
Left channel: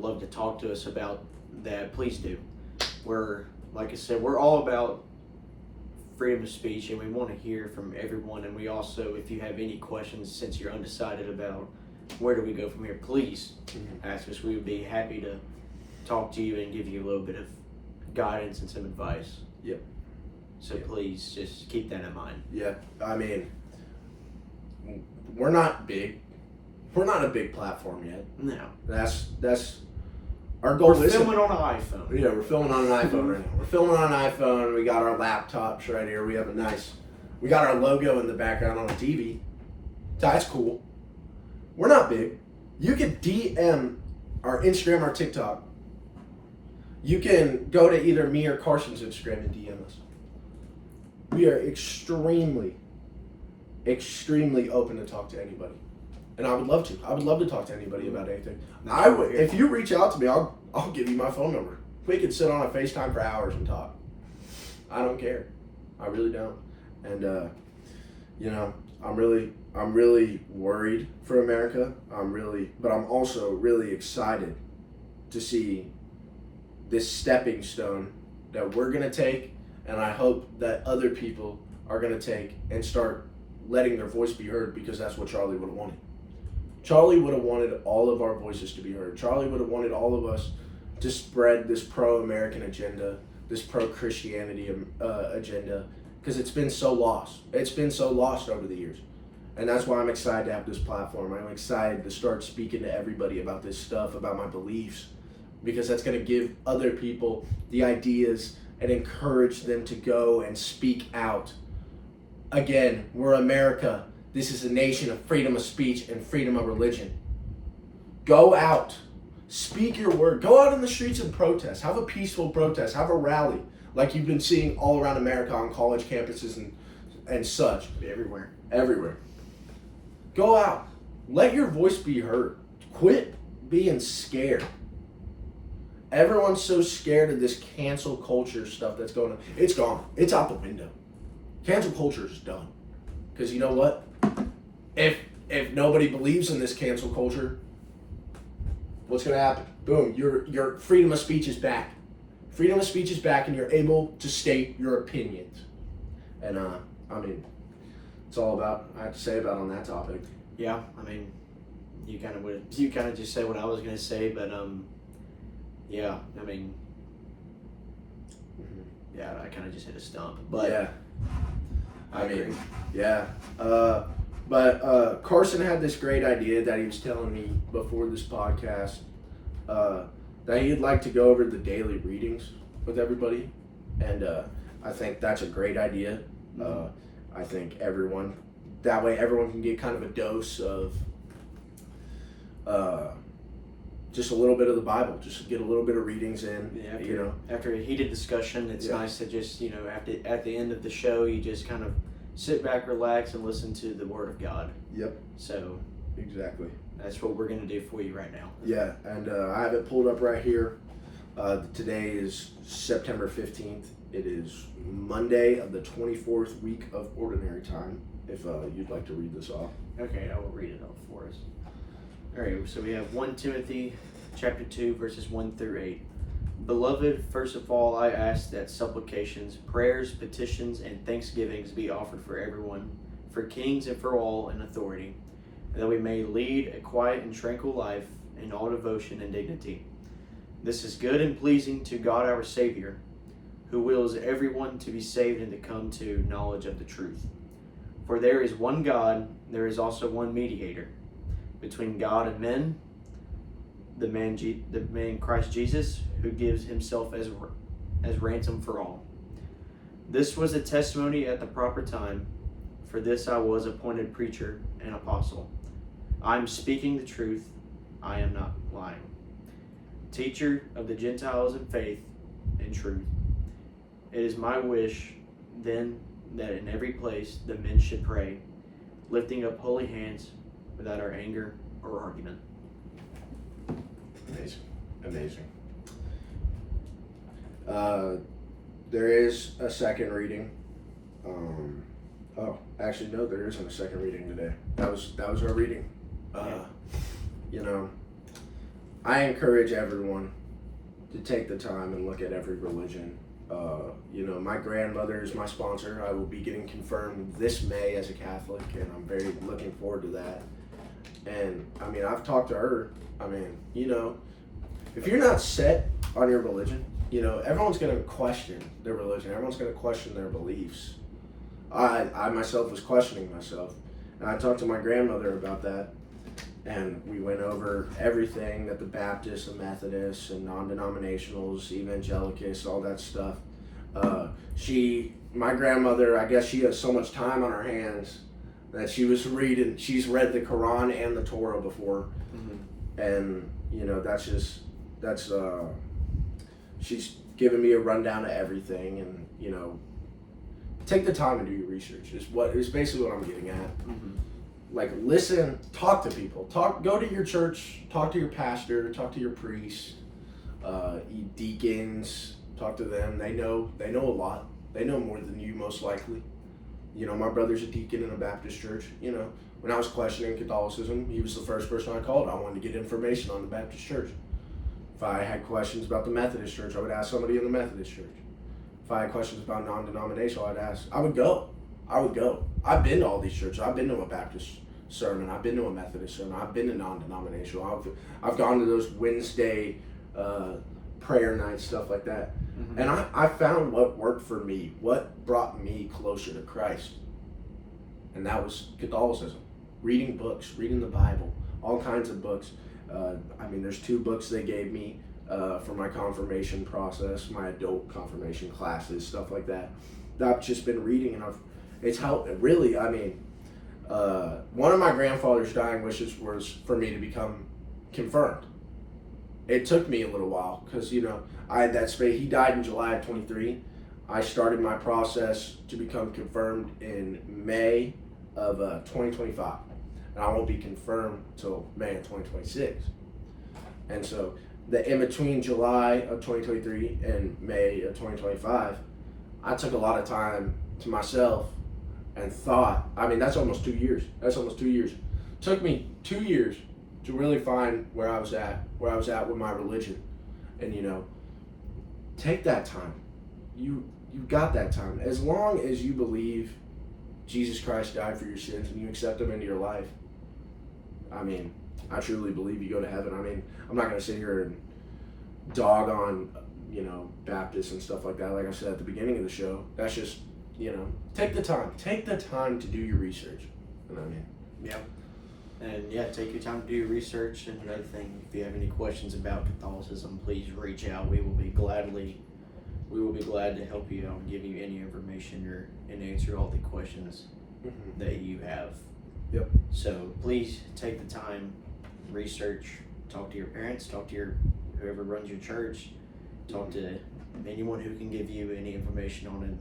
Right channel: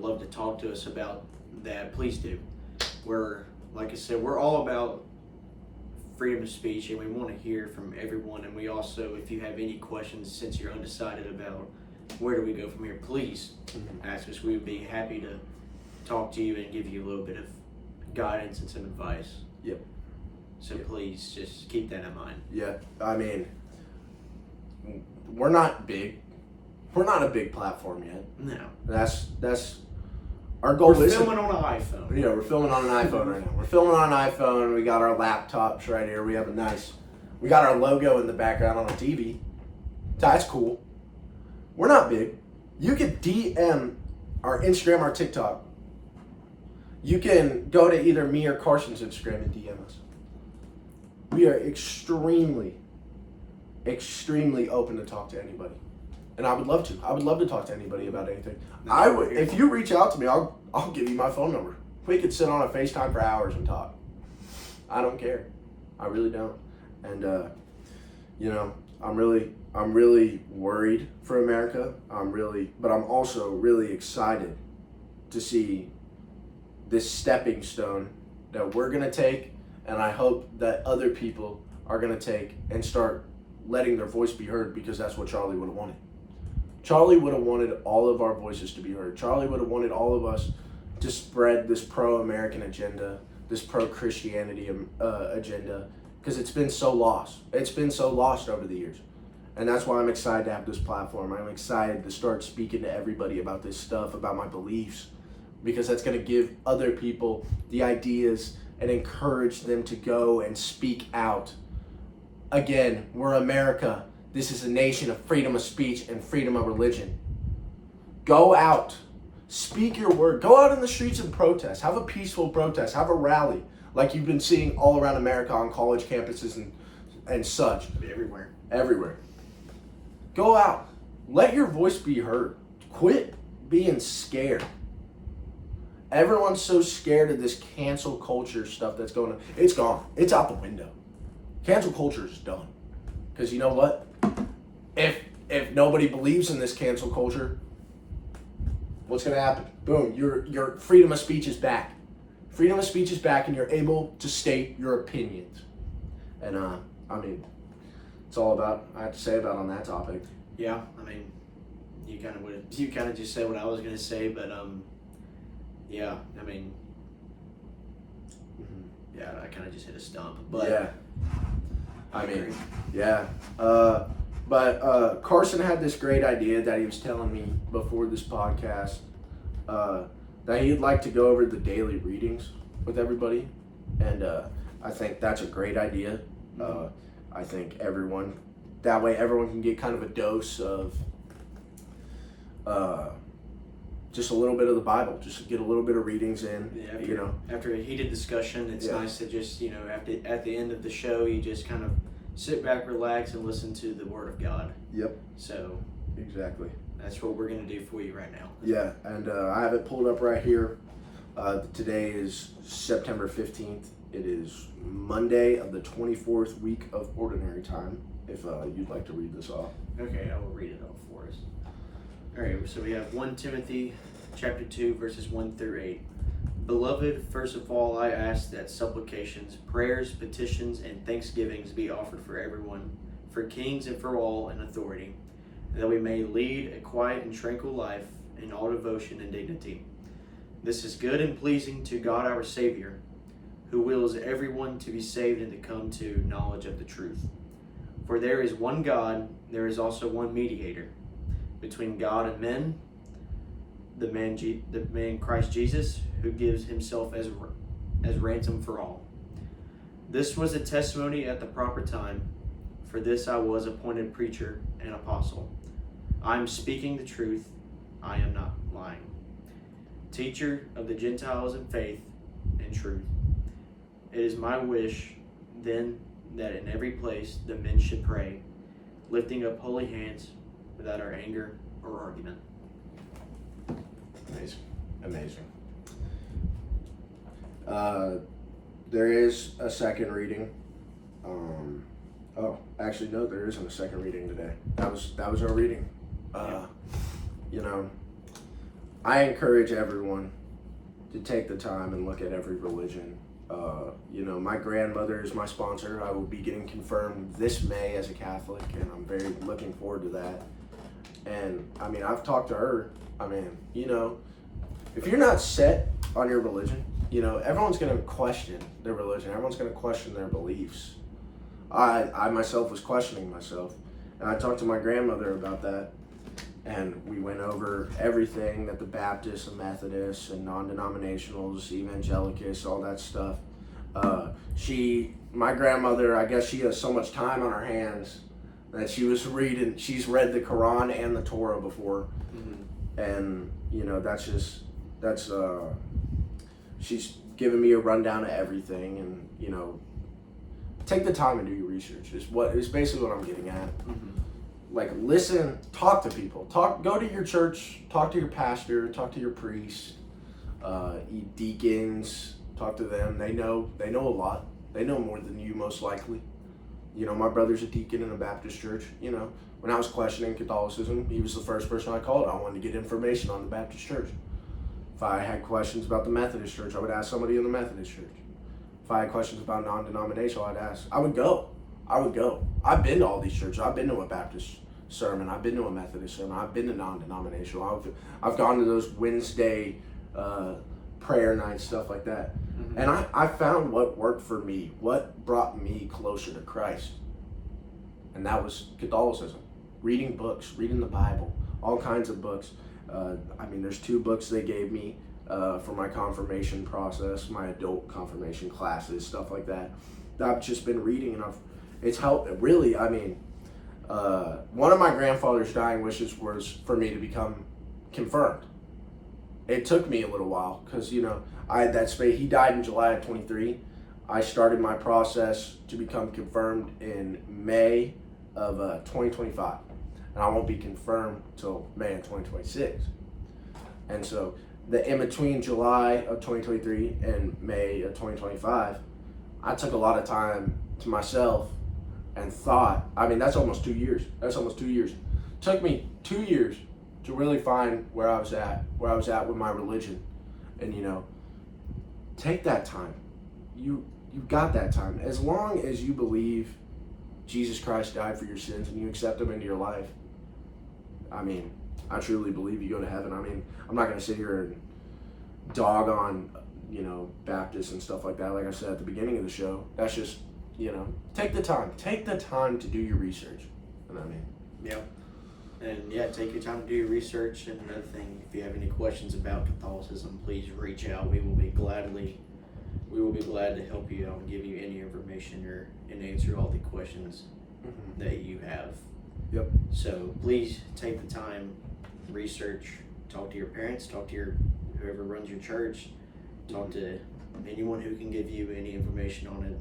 love to talk to us about that, please do. Like I said, we're all about freedom of speech, and we want to hear from everyone. And we also, if you have any questions, since you're undecided about where do we go from here, please ask us. We would be happy to talk to you and give you a little bit of guidance and some advice. Yep. So please just keep that in mind. Yeah, I mean, we're not big. We're not a big platform yet. No. That's our goal. We're filming on an iPhone. Yeah, we're filming on an iPhone right now. We're filming on an iPhone. We got our laptops right here. We got our logo in the background on a TV. That's cool. We're not big. You can DM our Instagram or TikTok. You can go to either me or Carson's Instagram and DM us. We are extremely open to talk to anybody. And I would love to. I would love to talk to anybody about anything. If you reach out to me, I'll give you my phone number. We could sit on a FaceTime for hours and talk. I don't care. I really don't. And I'm really worried for America. But I'm also really excited to see this stepping stone that we're gonna take, and I hope that other people are gonna take and start letting their voice be heard, because that's what Charlie would have wanted. Charlie would have wanted all of our voices to be heard. Charlie would have wanted all of us to spread this pro-American agenda, this pro-Christianity agenda, because it's been so lost. It's been so lost over the years. And that's why I'm excited to have this platform. I'm excited to start speaking to everybody about this stuff, about my beliefs, because that's going to give other people the ideas and encourage them to go and speak out. Again, we're America. This is a nation of freedom of speech and freedom of religion. Go out. Speak your word. Go out in the streets and protest. Have a peaceful protest. Have a rally like you've been seeing all around America on college campuses and such. Everywhere. Everywhere. Go out. Let your voice be heard. Quit being scared. Everyone's so scared of this cancel culture stuff that's going on. It's gone. It's out the window. Cancel culture is done. Because you know what? If nobody believes in this cancel culture, what's going to happen? Boom, your freedom of speech is back. Freedom of speech is back, and you're able to state your opinions. And I mean, it's all about I have to say about on that topic. Yeah, I mean, you kind of just said what I was going to say, but yeah, I mean, yeah, I kind of just hit a stump, but yeah, I agree. Yeah. But Carson had this great idea that he was telling me before this podcast, that he'd like to go over the daily readings with everybody, and I think that's a great idea. I think that way everyone can get kind of a dose of just a little bit of the Bible, just get a little bit of readings in. Yeah, after a heated discussion, it's nice to just at the end of the show, you just kind of sit back, relax, and listen to the Word of God. Yep. So exactly. That's what we're going to do for you right now. Yeah, and I have it pulled up right here. Today is September 15th. It is Monday of the 24th week of Ordinary Time, if you'd like to read this off. Okay, I will read it off for us. All right, so we have 1 Timothy chapter 2, verses 1 through 8. Beloved, first of all, I ask that supplications, prayers, petitions, and thanksgivings be offered for everyone, for kings and for all in authority, and that we may lead a quiet and tranquil life in all devotion and dignity. This is good and pleasing to God our Savior, who wills everyone to be saved and to come to knowledge of the truth. For there is one God, there is also one mediator between God and men, the man Christ Jesus, who gives himself as ransom for all. This was a testimony at the proper time. For this I was appointed preacher and apostle. I am speaking the truth. I am not lying. Teacher of the Gentiles in faith and truth. It is my wish, then, that in every place the men should pray, lifting up holy hands without our anger or argument. Amazing. There is a second reading. Actually, no, there isn't a second reading today. That was our reading. I encourage everyone to take the time and look at every religion. My grandmother is my sponsor. I will be getting confirmed this May as a Catholic, and I'm very looking forward to that. And I mean, I've talked to her. I mean, if you're not set on your religion, everyone's going to question their religion. Everyone's going to question their beliefs. I myself was questioning myself, and I talked to my grandmother about that, and we went over everything that the Baptists and Methodists and non-denominationals, evangelicals, all that stuff. My grandmother, I guess she has so much time on her hands that she's read the Quran and the Torah before. Mm-hmm. And, she's given me a rundown of everything, and, take the time and do your research is basically what I'm getting at. Mm-hmm. Like, listen, talk to people, go to your church, talk to your pastor, talk to your priest, deacons, talk to them. They know a lot. They know more than you, most likely. My brother's a deacon in a Baptist church. When I was questioning Catholicism, he was the first person I called. I wanted to get information on the Baptist church. If I had questions about the Methodist church, I would ask somebody in the Methodist church. If I had questions about non-denominational, I would go. I've been to all these churches. I've been to a Baptist sermon. I've been to a Methodist sermon. I've been to non-denominational. I've gone to those Wednesday prayer nights, stuff like that. Mm-hmm. And I found what worked for me, what brought me closer to Christ. And that was Catholicism. Reading books, reading the Bible, all kinds of books. There's 2 books they gave me for my confirmation process, my adult confirmation classes, stuff like that. I've just been reading, and it's helped. Really, one of my grandfather's dying wishes was for me to become confirmed. It took me a little while because, I had that space. He died in July of 23. I started my process to become confirmed in May of 2025. And I won't be confirmed till May of 2026. And so in between July of 2023 and May of 2025, I took a lot of time to myself and thought, that's almost 2 years. It took me 2 years to really find where I was at with my religion. And, take that time. You've got that time. As long as you believe Jesus Christ died for your sins and you accept him into your life, I truly believe you go to heaven. I'm not going to sit here and dog on, Baptists and stuff like that. Like I said at the beginning of the show, that's just, take the time to do your research. Yeah. And take your time to do your research. And another thing, if you have any questions about Catholicism, please reach out. We will be glad to help you out and give you any information and answer all the questions that you have. Yep. So please take the time, research, talk to your parents, talk to whoever runs your church, talk to anyone who can give you any information on it.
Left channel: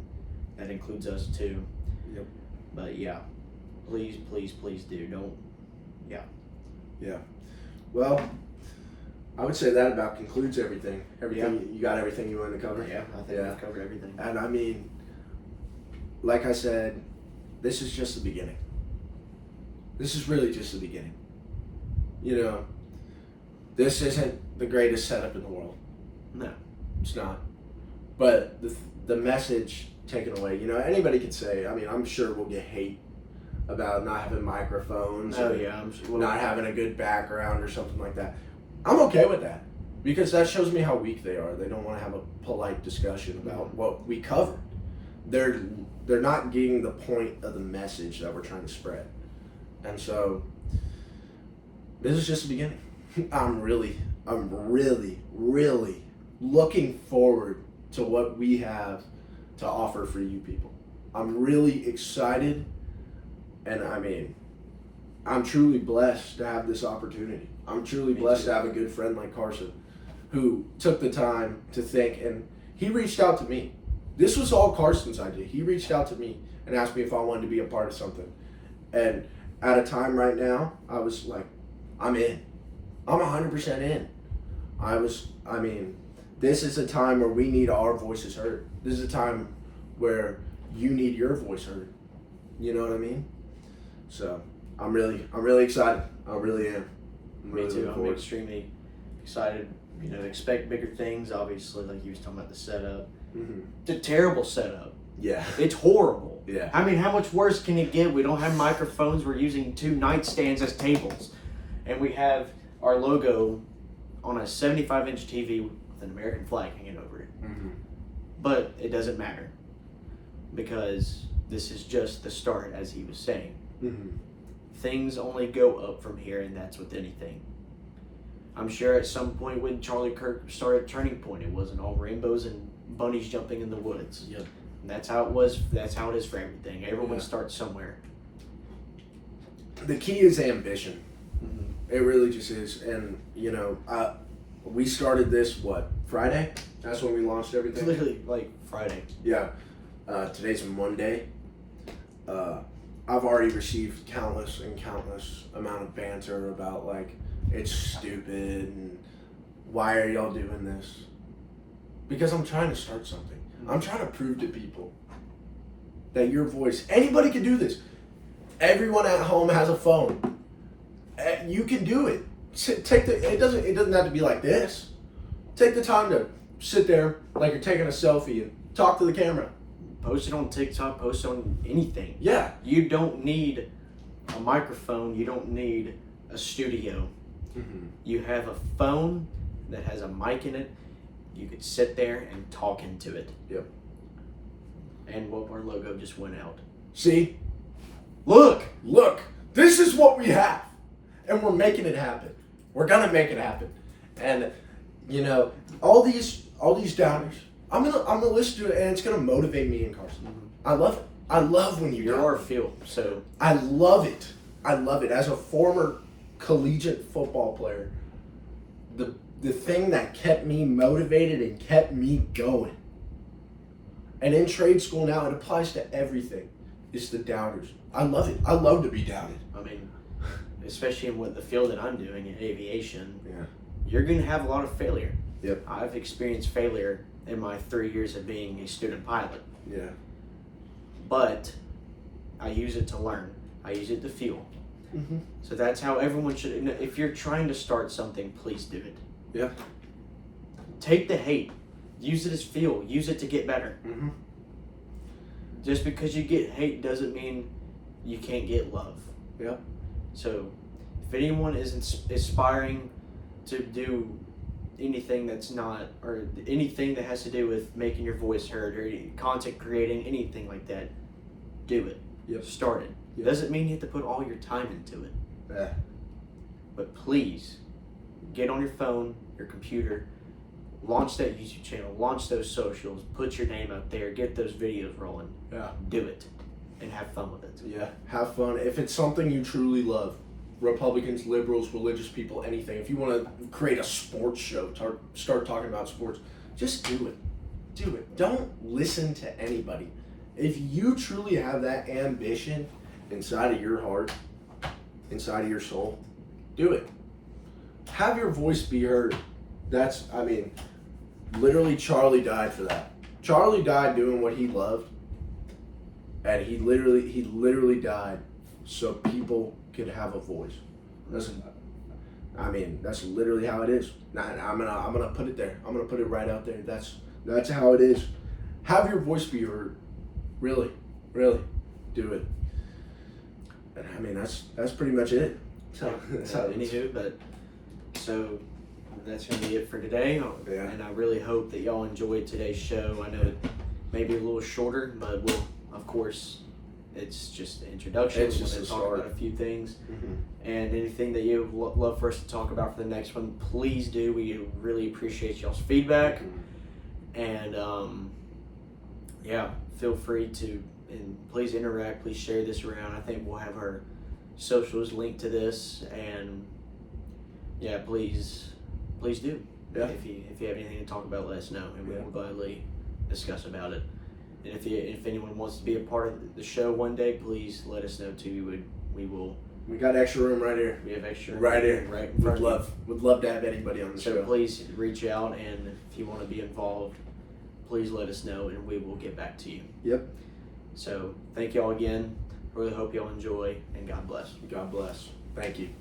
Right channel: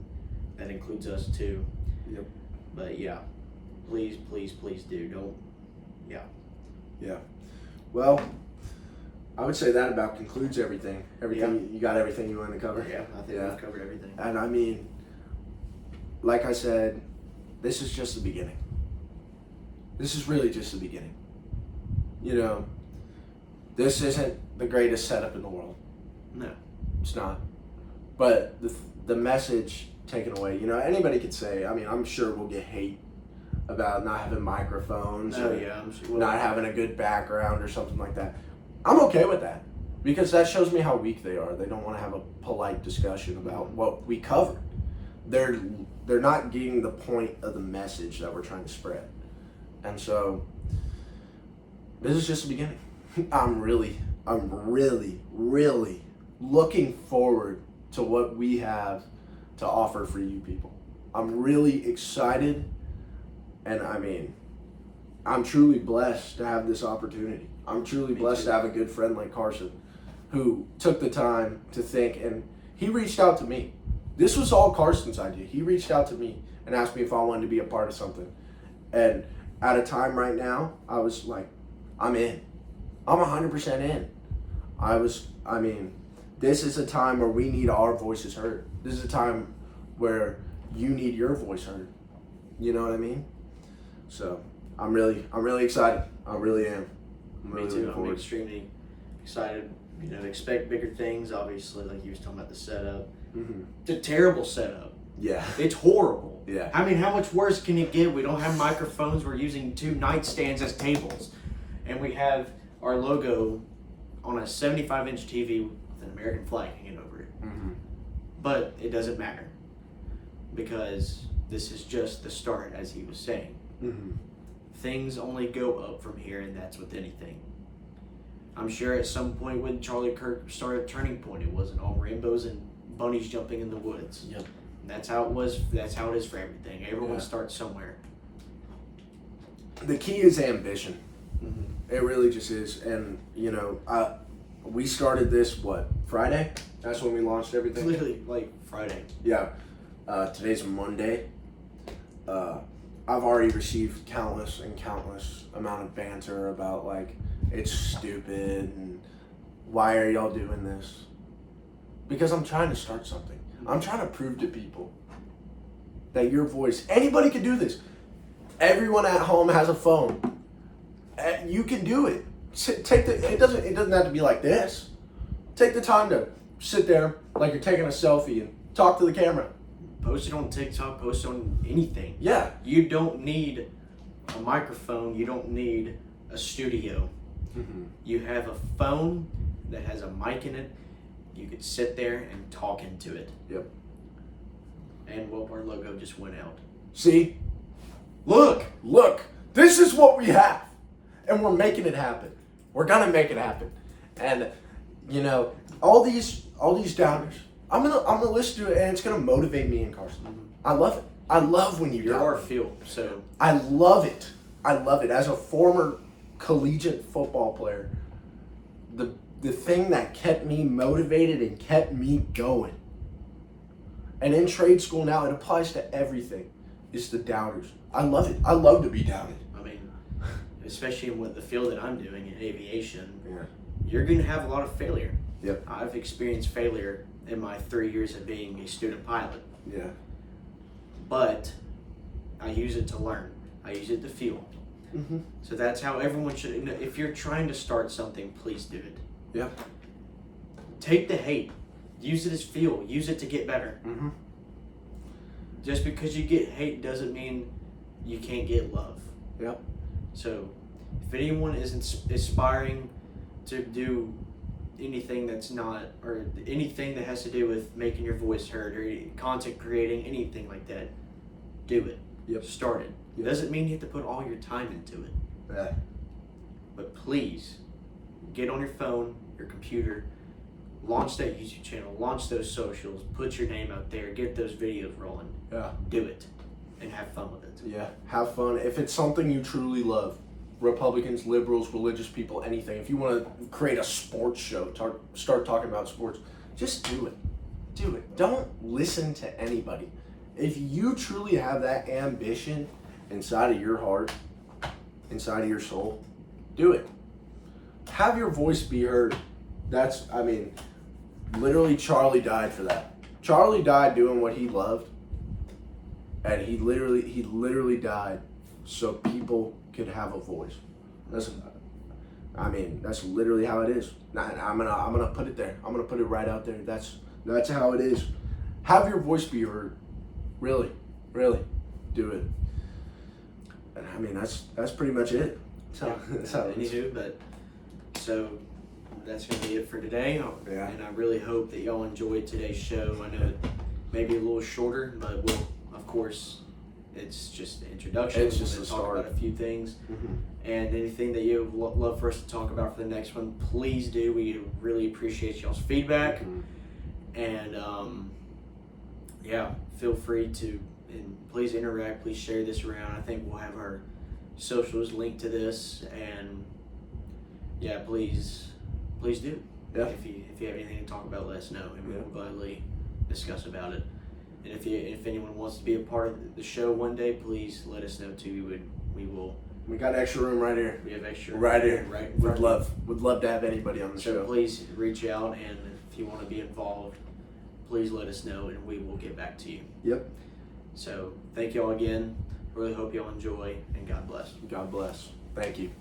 That includes us too. Yep. But please do. Yeah. Well, I would say that about concludes everything. You got everything you wanted to cover? Yeah, I think we've covered everything. And like I said, this is just the beginning. This is really just the beginning. This isn't the greatest setup in the world. No. It's not. But the message taken away, anybody could say, I'm sure we'll get hate about not having microphones I'm sure. Not having a good background or something like that. I'm okay with that because that shows me how weak they are. They don't want to have a polite discussion about what we covered. They're not getting the point of the message that we're trying to spread. And so this is just the beginning. I'm really looking forward to what we have to offer for you people. I'm really excited, and I'm truly blessed to have this opportunity. I'm truly blessed to have a good friend like Carson who took the time to think, and he reached out to me. This was all Carson's idea. He reached out to me and asked me if I wanted to be a part of something. And at a time right now, I was like, I'm in. I'm 100% in. This is a time where we need our voices heard. This is a time where you need your voice heard. You know what I mean? So I'm really excited. I really am. Me too. I'm extremely excited. Expect bigger things. Obviously, like you was talking about the setup. Mm-hmm. It's a terrible setup. Yeah. It's horrible. Yeah. How much worse can it get? We don't have microphones. We're using 2 nightstands as tables. And we have our logo on a 75-inch TV with an American flag hanging over it. Mm-hmm. But it doesn't matter because this is just the start, as he was saying. Mm-hmm. Things only go up from here, and that's with anything. I'm sure at some point when Charlie Kirk started Turning Point, it wasn't all rainbows and bunnies jumping in the woods. Yep. And that's how it was. That's how it is for everything. Everyone starts somewhere. The key is ambition. Mm-hmm. It really just is. And, we started this, Friday? That's when we launched everything? Literally, Friday. Yeah. Today's a Monday. I've already received countless amount of banter about, it's stupid and why are y'all doing this? Because I'm trying to start something. I'm trying to prove to people that your voice, anybody can do this. Everyone at home has a phone. You can do it. It doesn't have to be like this. Take the time to sit there like you're taking a selfie and talk to the camera. Post it on TikTok, post it on anything. Yeah. You don't need a microphone. You don't need a studio. Mm-hmm. You have a phone that has a mic in it. You could sit there and talk into it. Yep. And whoop, our logo just went out. See? Look. This is what we have. And we're making it happen. We're gonna make it happen. And you know, all these downers, I'm gonna listen to it and it's gonna motivate me and Carson. Mm-hmm. I love it. I love when You're our field, so I love it. As a former collegiate football player, the thing that kept me motivated and kept me going. And in trade school now, it applies to everything. Is the downers. I love it. I love to be doubted. I mean, especially in the field that I'm doing in aviation, Yeah. you're going to have a lot of failure. Yep. I've experienced failure in my 3 years of being a student pilot, Yeah. but I use it to learn. I use it to fuel. Mm-hmm. So that's how everyone should. If you're trying to start something, please do it. Yeah. Take the hate. Use it as fuel. Use it to get better. Mm-hmm. Just because you get hate doesn't mean you can't get love. Yep. So if anyone is aspiring to do anything that's not, or anything that has to do with making your voice heard or content creating, anything like that, do it. Yep. Start it. Yep. Doesn't mean you have to put all your time into it. Yeah. But please, get on your phone, your computer, launch that YouTube channel, launch those socials, put your name out there, get those videos rolling. Yeah. Do it. And have fun with it. Yeah. Have fun. If it's something you truly love, Republicans, liberals, religious people, anything. If you want to create a sports show, start talking about sports, just do it. Do it. Don't listen to anybody. If you truly have that ambition inside of your heart, inside of your soul, do it. Have your voice be heard. Literally Charlie died for that. Charlie died doing what he loved. And he literally died so people could have a voice. That's literally how it is. I'm gonna put it there. I'm gonna put it right out there. That's how it is. Have your voice be heard. Really, do it. And that's pretty much it. So that's gonna be it for today. Yeah. And I really hope that y'all enjoyed today's show. I know it may be a little shorter, but of course, it's just an introduction. It's just We're a going to talk start. about a few things. Mm-hmm. And anything that you would love for us to talk about for the next one, please do. We really appreciate y'all's feedback. Mm-hmm. And feel free to, and please interact, please share this around. I think we'll have our socials linked to this. And yeah, please do. Yeah. If you have anything to talk about, let us know, and we will gladly discuss about it. And if anyone wants to be a part of the show one day, please let us know too. We will. We got extra room right here. We have extra right here. Right. In front of you. Would love to have anybody on the So show. please reach out, and if you want to be involved, please let us know, and we will get back to you. Yep. So thank y'all again. Really hope y'all enjoy, and God bless. God bless. Thank you.